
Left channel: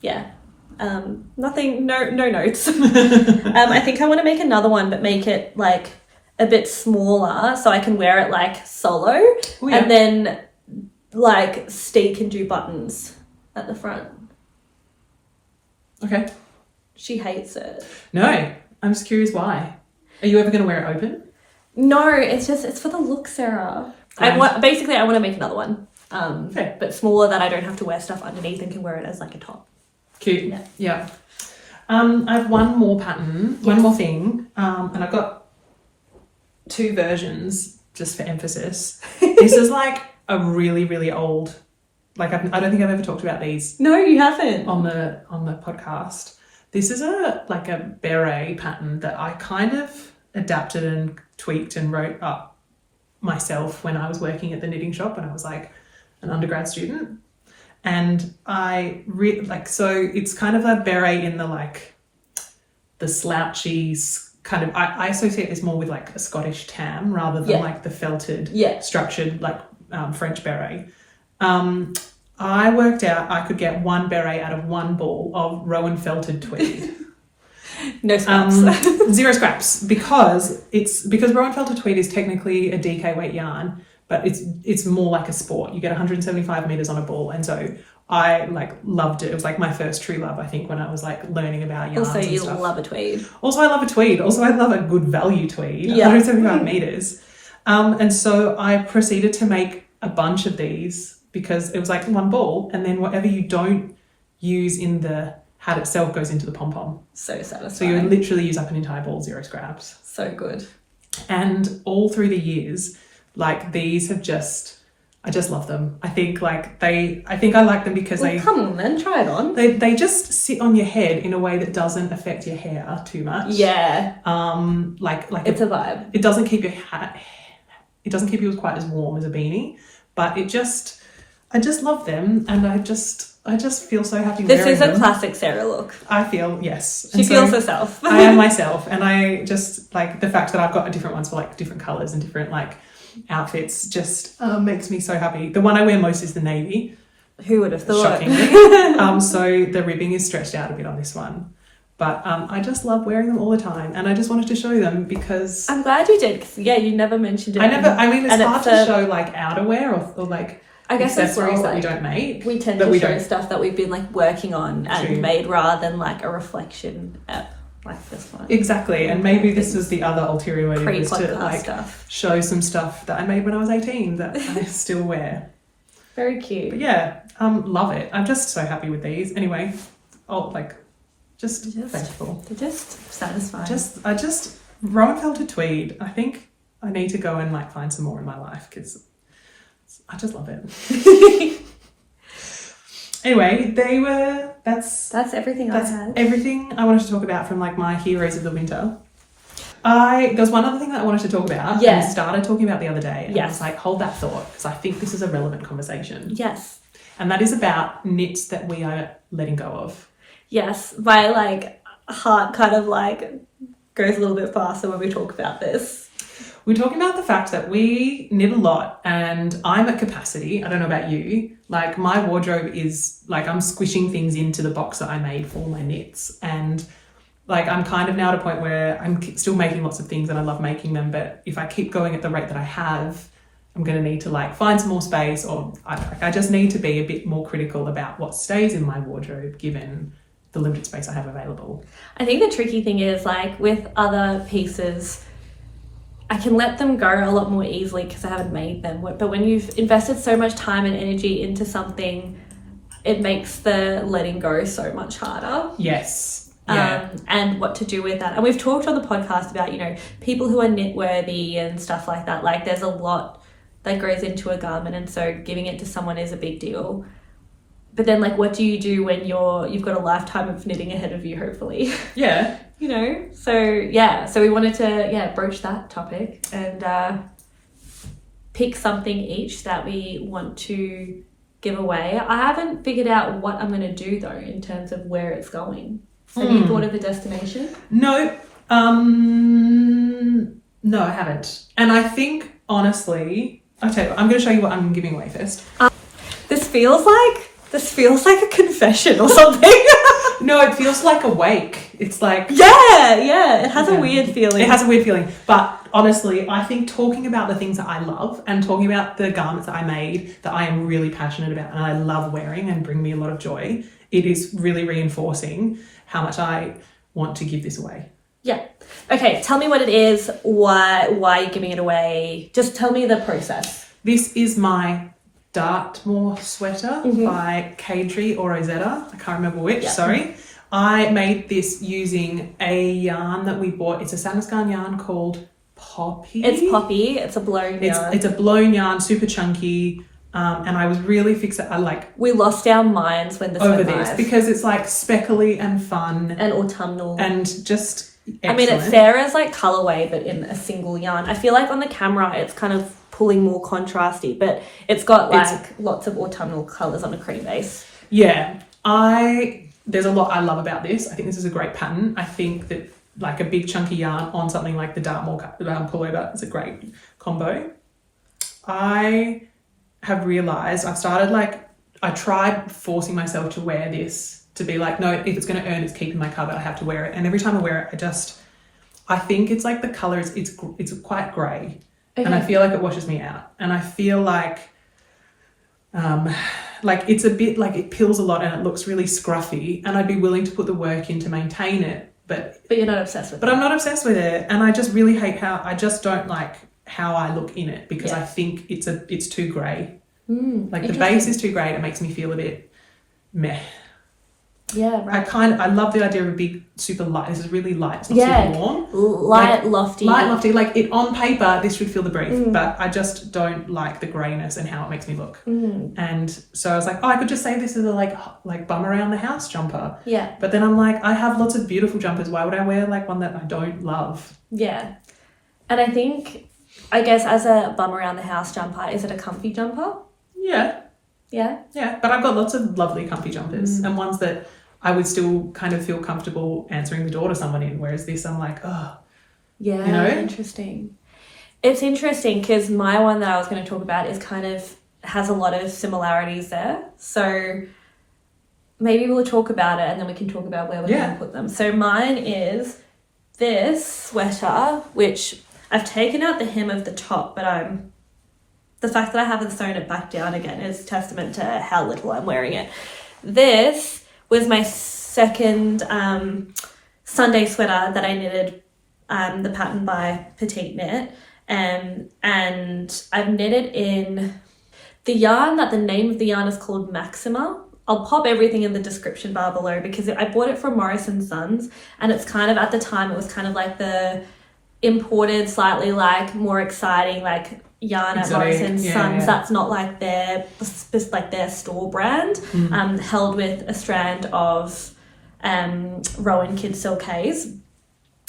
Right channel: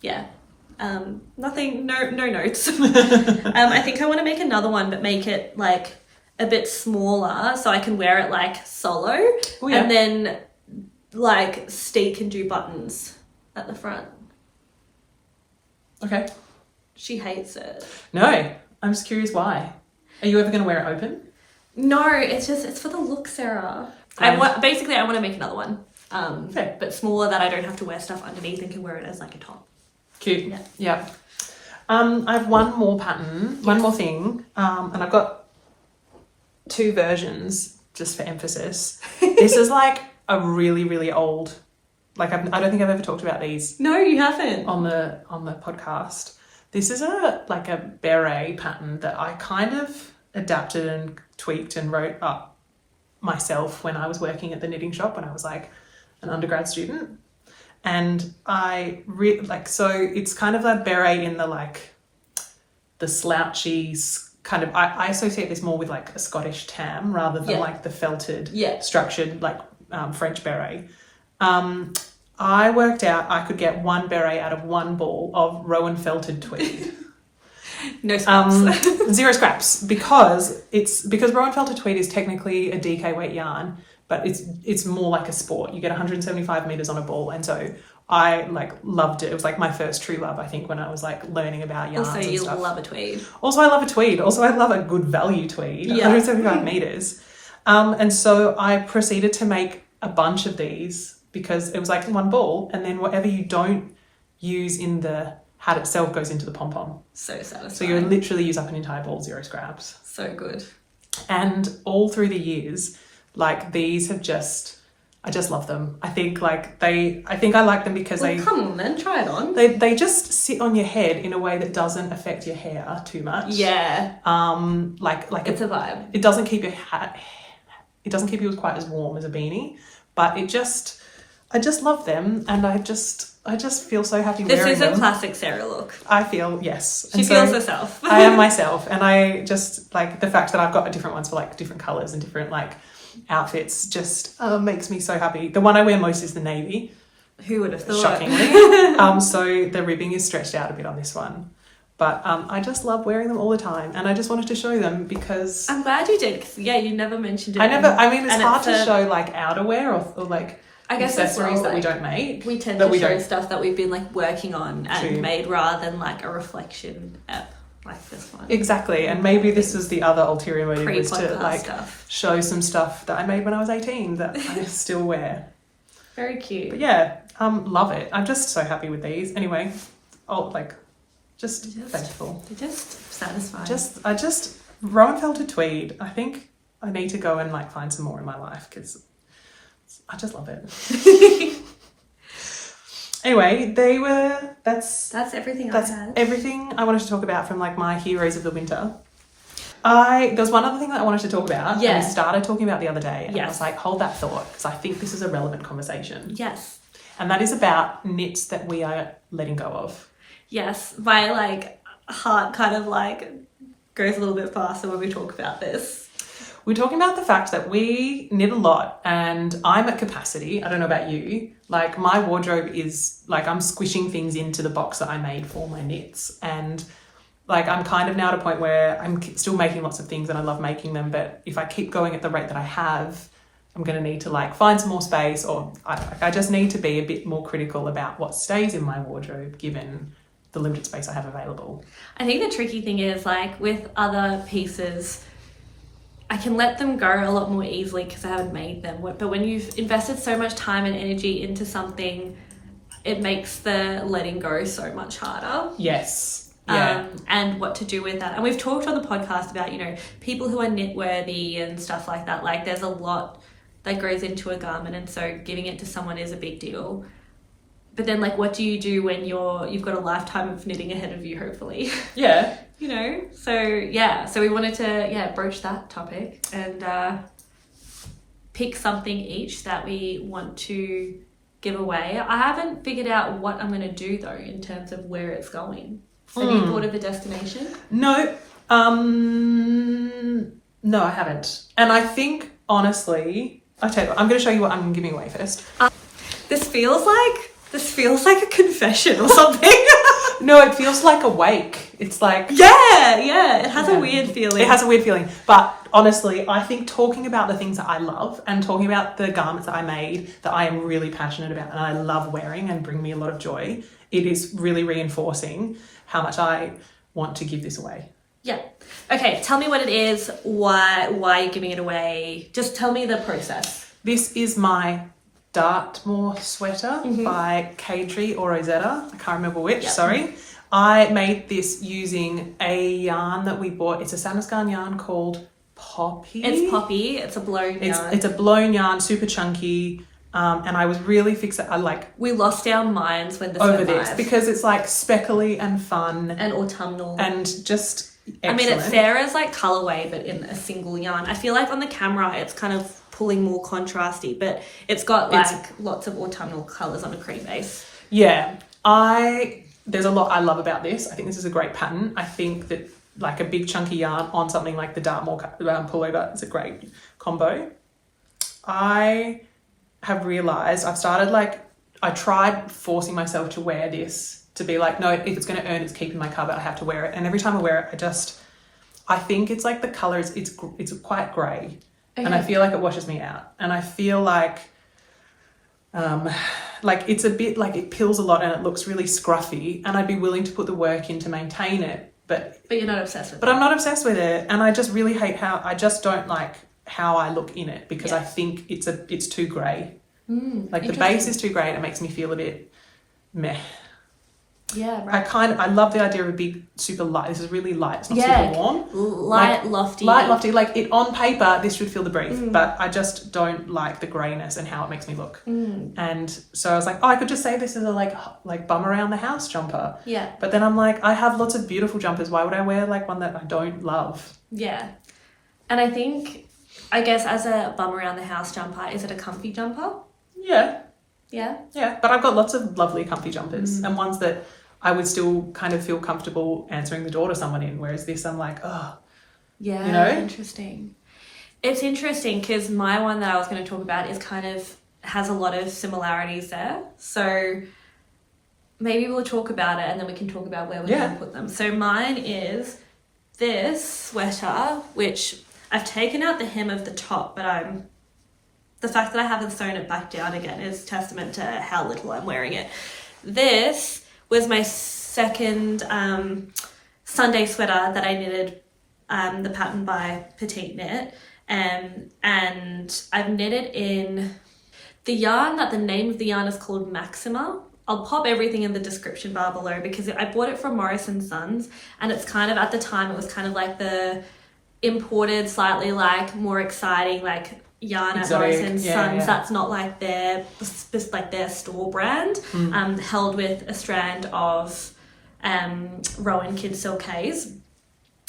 Yeah. Nothing, no notes. I think I want to make another one, but make it like a bit smaller so I can wear it like solo. Oh, yeah. And then like Steve can do buttons at the front. Okay. She hates it. No, I'm just curious why. Are you ever going to wear it open? No, it's for the look, Sarah. I want to make another one. Okay. But smaller, that I don't have to wear stuff underneath and can wear it as like a top. Cute. Yeah. I have one more pattern, one more thing, and I've got 2 versions just for emphasis. This is like a really, really old. Like I don't think I've ever talked about these. No, you haven't. On the podcast. This is a beret pattern that I kind of adapted and tweaked and wrote up myself when I was working at the knitting shop when I was like an undergrad student. And I so it's kind of a beret in the slouchy kind of, I associate this more with like a Scottish tam rather than like the felted structured French beret. I worked out I could get 1 beret out of 1 ball of Rowan felted tweed. No scraps. 0 scraps because Rowan felted tweed is technically a DK weight yarn, but it's more like a sport. You get 175 meters on a ball, and so I loved it. It was like my first true love, I think, when I was like learning about yarns. Also, and you stuff. love a tweed. Also, I love a tweed. Also, I love a good value tweed. Yeah. 175 meters. And so I proceeded to make a bunch of these because it was like 1 ball, and then whatever you don't use in the hat itself goes into the pom-pom. So satisfying. So you literally use up an entire ball, 0 scraps. So good. And all through the years, these have I just love them. I think I like them because come on then, try it on. They just sit on your head in a way that doesn't affect your hair too much. Yeah. It's a vibe. It doesn't keep your hat, it doesn't keep you quite as warm as a beanie, but I just love them, and I just feel so happy This wearing is a them. classic Sarah look. I feel, yes. She feels herself. I am myself, and I just the fact that I've got different ones for different colours and different outfits just makes me so happy. The one I wear most is the navy. Who would have thought? Shockingly. So the ribbing is stretched out a bit on this one. But I just love wearing them all the time, and I just wanted to show them because I'm glad you did. Because you never mentioned it. It's hard to show outerwear or I guess accessories that we don't make. We tend to show stuff that we've been working on and made rather than a reflection app like this one. Exactly, and maybe this was the other ulterior motive, was to stuff. Show some stuff that I made when I was 18 that I still wear. Very cute. But yeah, love it. I'm just so happy with these. Anyway, just thankful. They're just satisfying. Rowan felted tweed. I think I need to go and find some more in my life because I just love it. Anyway, that's everything I had. Everything I wanted to talk about from my heroes of the winter. There's one other thing that I wanted to talk about. Yeah. And I started talking about the other day. And yes. I was hold that thought because I think this is a relevant conversation. Yes. And that is about knits that we are letting go of. Yes. My heart kind of goes a little bit faster when we talk about this. We're talking about the fact that we knit a lot and I'm at capacity. I don't know about you. My wardrobe is I'm squishing things into the box that I made for my knits. And I'm kind of now at a point where I'm still making lots of things and I love making them. But if I keep going at the rate that I have, I'm going to need to find some more space, or I just need to be a bit more critical about what stays in my wardrobe given the limited space I have available. I think the tricky thing is with other pieces, I can let them go a lot more easily because I haven't made them. But when you've invested so much time and energy into something, it makes the letting go so much harder. Yes. Yeah. And what to do with that. And we've talked on the podcast about, people who are knit worthy and stuff like that. There's a lot that goes into a garment, and so giving it to someone is a big deal. but then like what do you do when you've got a lifetime of knitting ahead of you, hopefully? Yeah. You know, so we wanted to broach that topic and pick something each that we want to give away. I haven't figured out what I'm going to do though in terms of where it's going. Have you thought of the destination? No, no, I haven't. And I think honestly, I tell you what, I'm going to show you what I'm giving away first. This feels like a confession or something. No, it feels like a wake. It's like... Yeah, it has a weird feeling. It has a weird feeling. But honestly, I think talking about the things that I love and talking about the garments that I made that I am really passionate about and I love wearing and bring me a lot of joy, it is really reinforcing how much I want to give this away. Yeah. Okay, tell me what it is, why you're giving it away. Just tell me the process. This is my Dartmoor sweater by Katia or Rosetta. I can't remember which, sorry. I made this using a yarn that we bought. It's a Sandnes Garn yarn called Poppy. It's Poppy. It's a blown yarn. It's a blown yarn, super chunky. And I was really fixated. We lost our minds when this over went this live. because it's like speckly and fun and autumnal and just excellent. I mean, it's Sarah's like colorway, but in a single yarn. I feel like on the camera, it's kind of pulling more contrasty, but it's got lots of autumnal colors on a cream base. Yeah, there's a lot I love about this. I think this is a great pattern. I think that like a big chunky yarn on something like the Dartmoor pullover is a great combo. I have realized I tried forcing myself to wear this, to be like, no, if it's going to earn its keep in my cupboard, I have to wear it. And every time I wear it, I think it's like the colors, it's quite grey. Okay. And I feel like it washes me out. And I feel like it's a bit like it pills a lot and it looks really scruffy, and I'd be willing to put the work in to maintain it. But you're not obsessed with it. But I'm not obsessed with it. And I just really hate I just don't like how I look in it, because I think it's too grey. The base is too grey and it makes me feel a bit meh. Yeah, right. I love the idea of a big super light. This is really light. It's not super warm. Light, lofty. Light, lofty. Like it on paper, this should feel the brief, but I just don't like the greyness and how it makes me look. And so I was like, I could just say this is a like bum around the house jumper. Yeah. But then I'm like, I have lots of beautiful jumpers. Why would I wear like one that I don't love? Yeah. And I guess as a bum around the house jumper, is it a comfy jumper? Yeah. Yeah? Yeah. But I've got lots of lovely comfy jumpers and ones that I would still kind of feel comfortable answering the door to someone in, whereas this I'm like, oh. Yeah, you know? Interesting. It's interesting because my one that I was going to talk about has a lot of similarities there. So maybe we'll talk about it and then we can talk about where we're going to put them. So mine is this sweater, which I've taken out the hem of the top, but the fact that I haven't sewn it back down again is testament to how little I'm wearing it. This was my second Sunday sweater that I knitted, the pattern by Petite knit, and I've knitted in the yarn that the name of the yarn is called Maxima. I'll pop everything in the description bar below because I bought it from Morris & Sons, and it's kind of, at the time, it was kind of like the imported, slightly like more exciting like yarn at Morris & Sons. That's not like their store brand, held with a strand of Rowan Kid Silkays.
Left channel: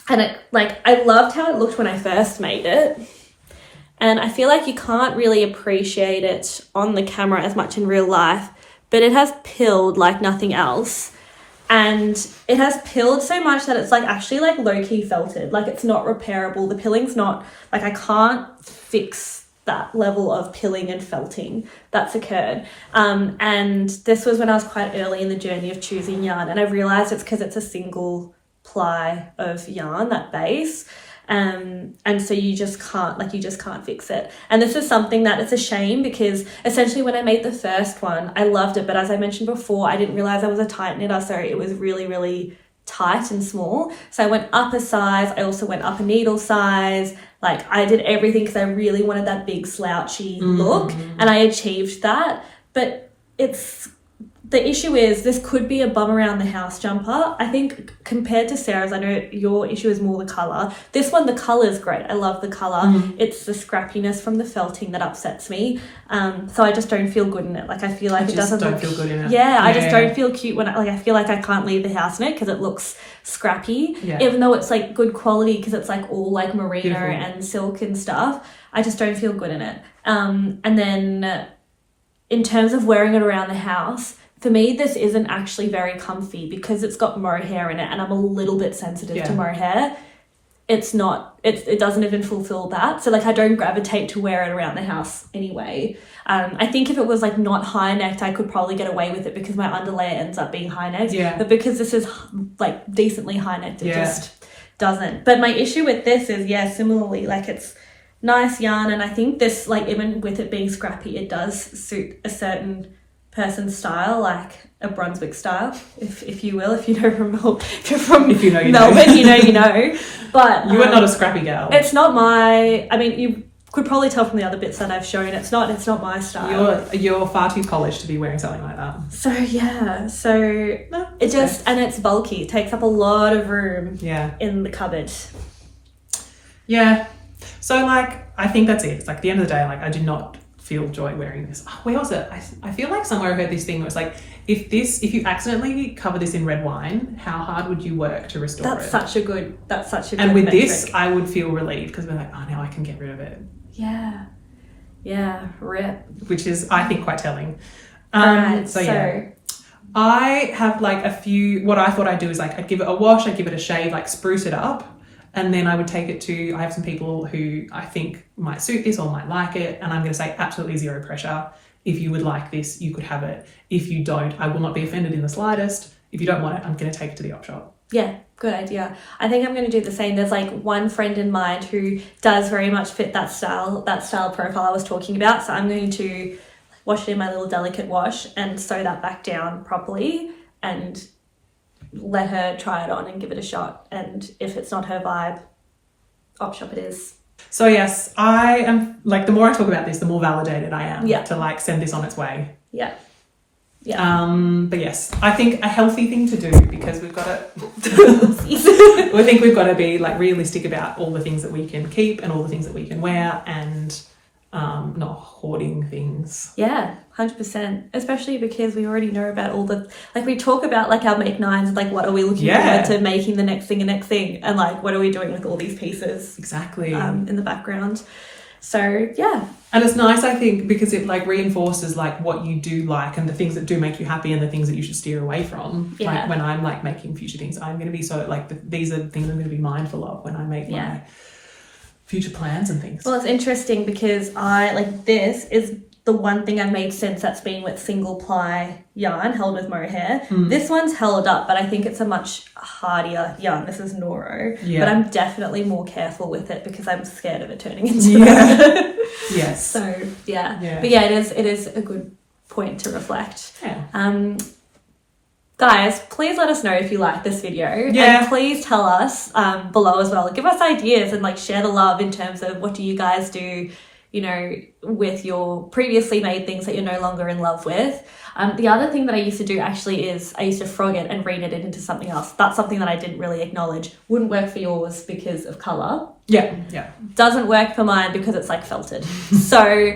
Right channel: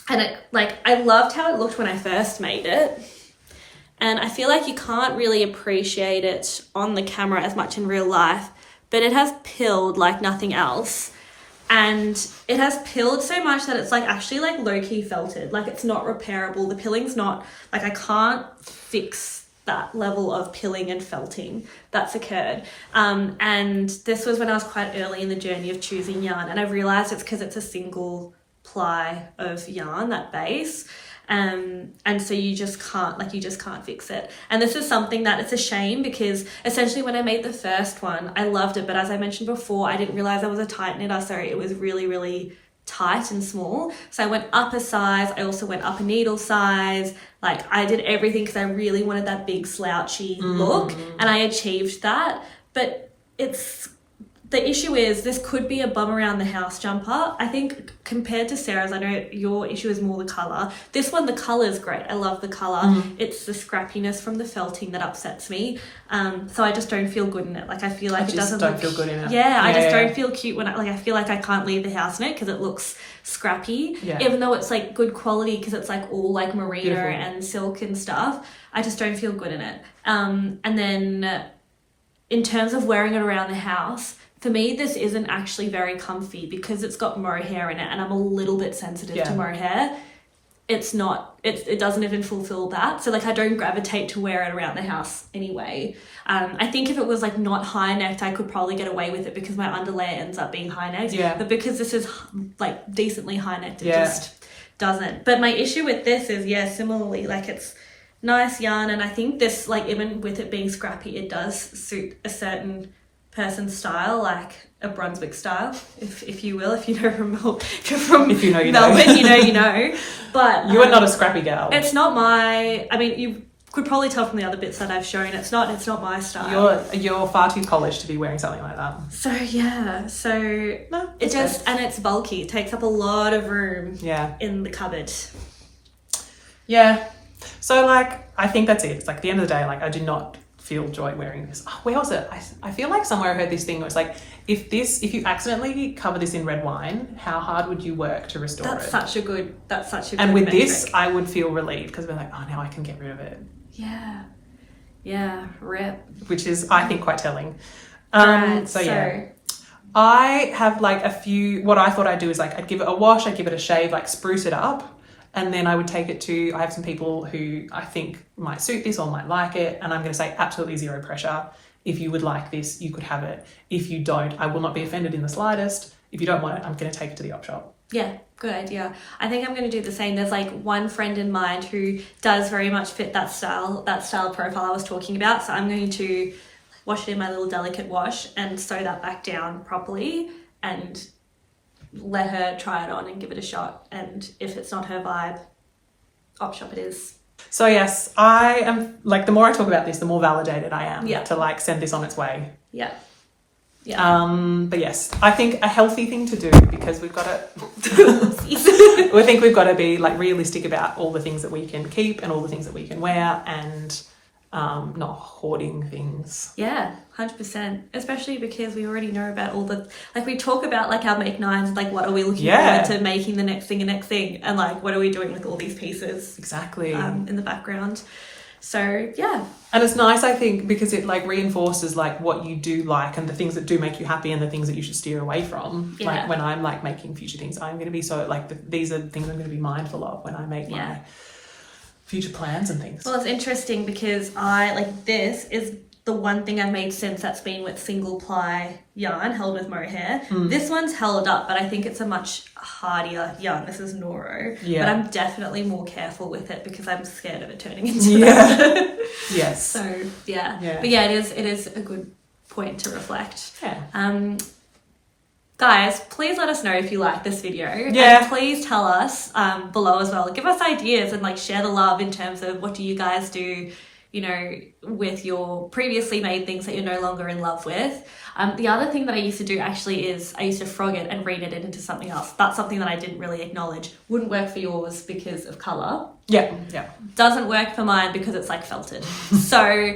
And I loved how it looked when I first made it. And I feel like you can't really appreciate it on the camera as much in real life, but it has pilled like nothing else. And it has pilled so much that it's like actually like low-key felted. Like it's not repairable. The pilling's not, like I can't fix that level of pilling and felting that's occurred. And this was when I was quite early in the journey of choosing yarn, and I realized it's because it's a single ply of yarn, that base. And so you just can't fix it. And this is something that it's a shame, because essentially when I made the first one, I loved it. But as I mentioned before, I didn't realize I was a tight knitter. So it was really, really tight and small. So I went up a size. I also went up a needle size. Like I did everything because I really wanted that big slouchy look, and I achieved that. But it's the issue is this could be a bum around the house jumper. I think compared to Sarah's, I know your issue is more the colour. This one, the colour is great. I love the colour. It's the scrappiness from the felting that upsets me. So I just don't feel good in it. Like I feel like it doesn't look... feel good in it. Yeah, I just don't feel cute when I feel like I can't leave the house in it because it looks scrappy. Yeah. Even though it's like good quality because it's like all like merino and silk and stuff. I just don't feel good in it. And then in terms of wearing it around the house, for me, this isn't actually very comfy because it's got mohair in it and I'm a little bit sensitive to mohair. It's not, it doesn't even fulfill that. So like I don't gravitate to wear it around the house anyway. I think if it was like not high necked, I could probably get away with it because my underlayer ends up being high necked. Yeah. But because this is like decently high necked, it just doesn't. But my issue with this is, similarly, like it's nice yarn. And I think this, like even with it being scrappy, it does suit a certain person's style, like a Brunswick style, if you will, if you know from Melbourne, you know. But you are not a scrappy girl. It's not my. I mean, you could probably tell from the other bits that I've shown. It's not my style. You're far too polished to be wearing something like that. So it just and it's bulky. It takes up a lot of room. In the cupboard. Yeah. So like, I think that's it. It's like at the end of the day, like I do not feel joy wearing this. Oh, where was it? I feel like somewhere I heard this thing where it's like, if you accidentally cover this in red wine, how hard would you work to restore it? That's such a good And with metric. This, I would feel relieved because we're like, oh, now I can get rid of it. Yeah, rip. Which is, I think, quite telling. Alright, so I have like a few, what I thought I'd do is like, I'd give it a wash, I'd give it a shave, like spruce it up. And then I would take it to, I have some people who I think might suit this or might like it. And I'm going to say absolutely zero pressure. If you would like this, you could have it. If you don't, I will not be offended in the slightest. If you don't want it, I'm going to take it to the op shop. Yeah, good idea. I think I'm going to do the same. There's like one friend in mind who does very much fit that style profile I was talking about. So I'm going to wash it in my little delicate wash and sew that back down properly and let her try it on and give it a shot. And if it's not her vibe, op shop it is. So yes, I am like, the more I talk about this, the more validated I am to like send this on its way. Yeah. But yes, I think a healthy thing to do, because we've got to I think we've got to be like realistic about all the things that we can keep and all the things that we can wear, and not hoarding things. 100%, especially because we already know about all the, like we talk about like our make nines, like what are we looking forward to making the next thing and like what are we doing with all these pieces in the background. So and it's nice, I think, because it like reinforces like what you do like and the things that do make you happy and the things that you should steer away from. Like when I'm like making future things, I'm going to be so like these are the things I'm going to be mindful of when I make my future plans and things. Well, it's interesting because I like, this is the one thing I've made since that's been with single ply yarn held with mohair. This one's held up, but I think it's a much hardier yarn. This is Noro, but I'm definitely more careful with it because I'm scared of it turning into that. Yes. So but it is a good point to reflect. Guys, please let us know if you like this video, and please tell us below as well. Give us ideas and like share the love in terms of what do you guys do, you know, with your previously made things that you're no longer in love with. The other thing that I used to do actually is I used to frog it and reknit it into something else. That's something that I didn't really acknowledge. Wouldn't work for yours because of colour. Doesn't work for mine because it's like felted. So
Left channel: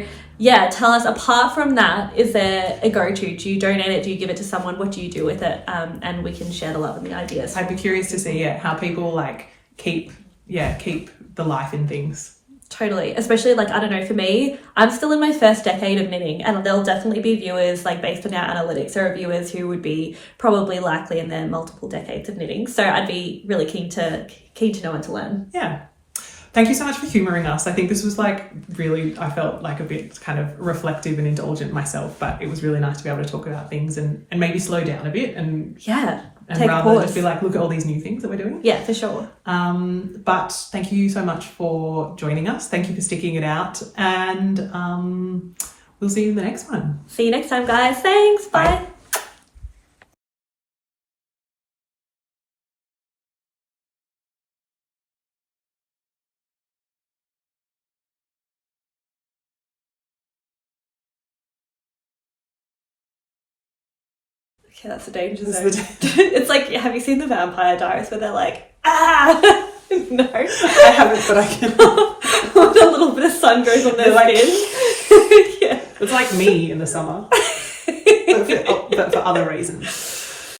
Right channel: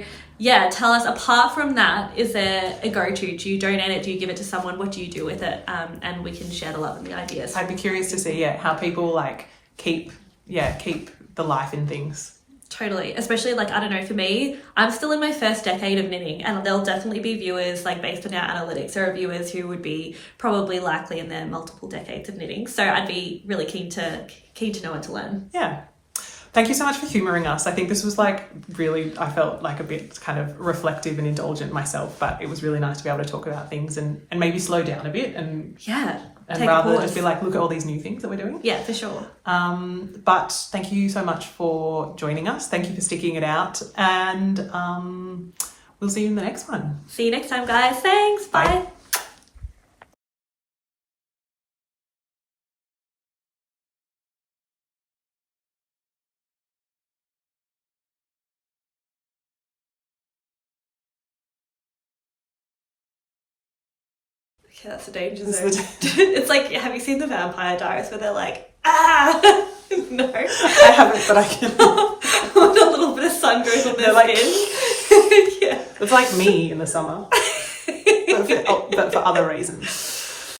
tell us, apart from that, is there a go-to? Do you donate it? Do you give it to someone? What do you do with it? And we can share the love and the ideas. I'd be curious to see how people like keep the life in things. Totally. Especially like, I don't know, for me, I'm still in my first decade of knitting, and there'll definitely be viewers, like based on our analytics, there are viewers who would be probably likely in their multiple decades of knitting. So I'd be really keen to know and to learn. Thank you so much for humouring us. I think this was like really, I felt like a bit kind of reflective and indulgent myself, but it was really nice to be able to talk about things and maybe slow down a bit and take rather a pause. just be like, look at all these new things that we're doing. Yeah, for sure. But thank you so much for joining us. Thank you for sticking it out, and we'll see you in the next one. See you next time, guys. Thanks. Bye. Yeah, that's a danger It's zone. It's like, have you seen the Vampire Diaries where they're like, ah? No. I haven't, but I can. When a little bit of sun goes on their skin. Yeah. It's like me in the summer. But for other reasons.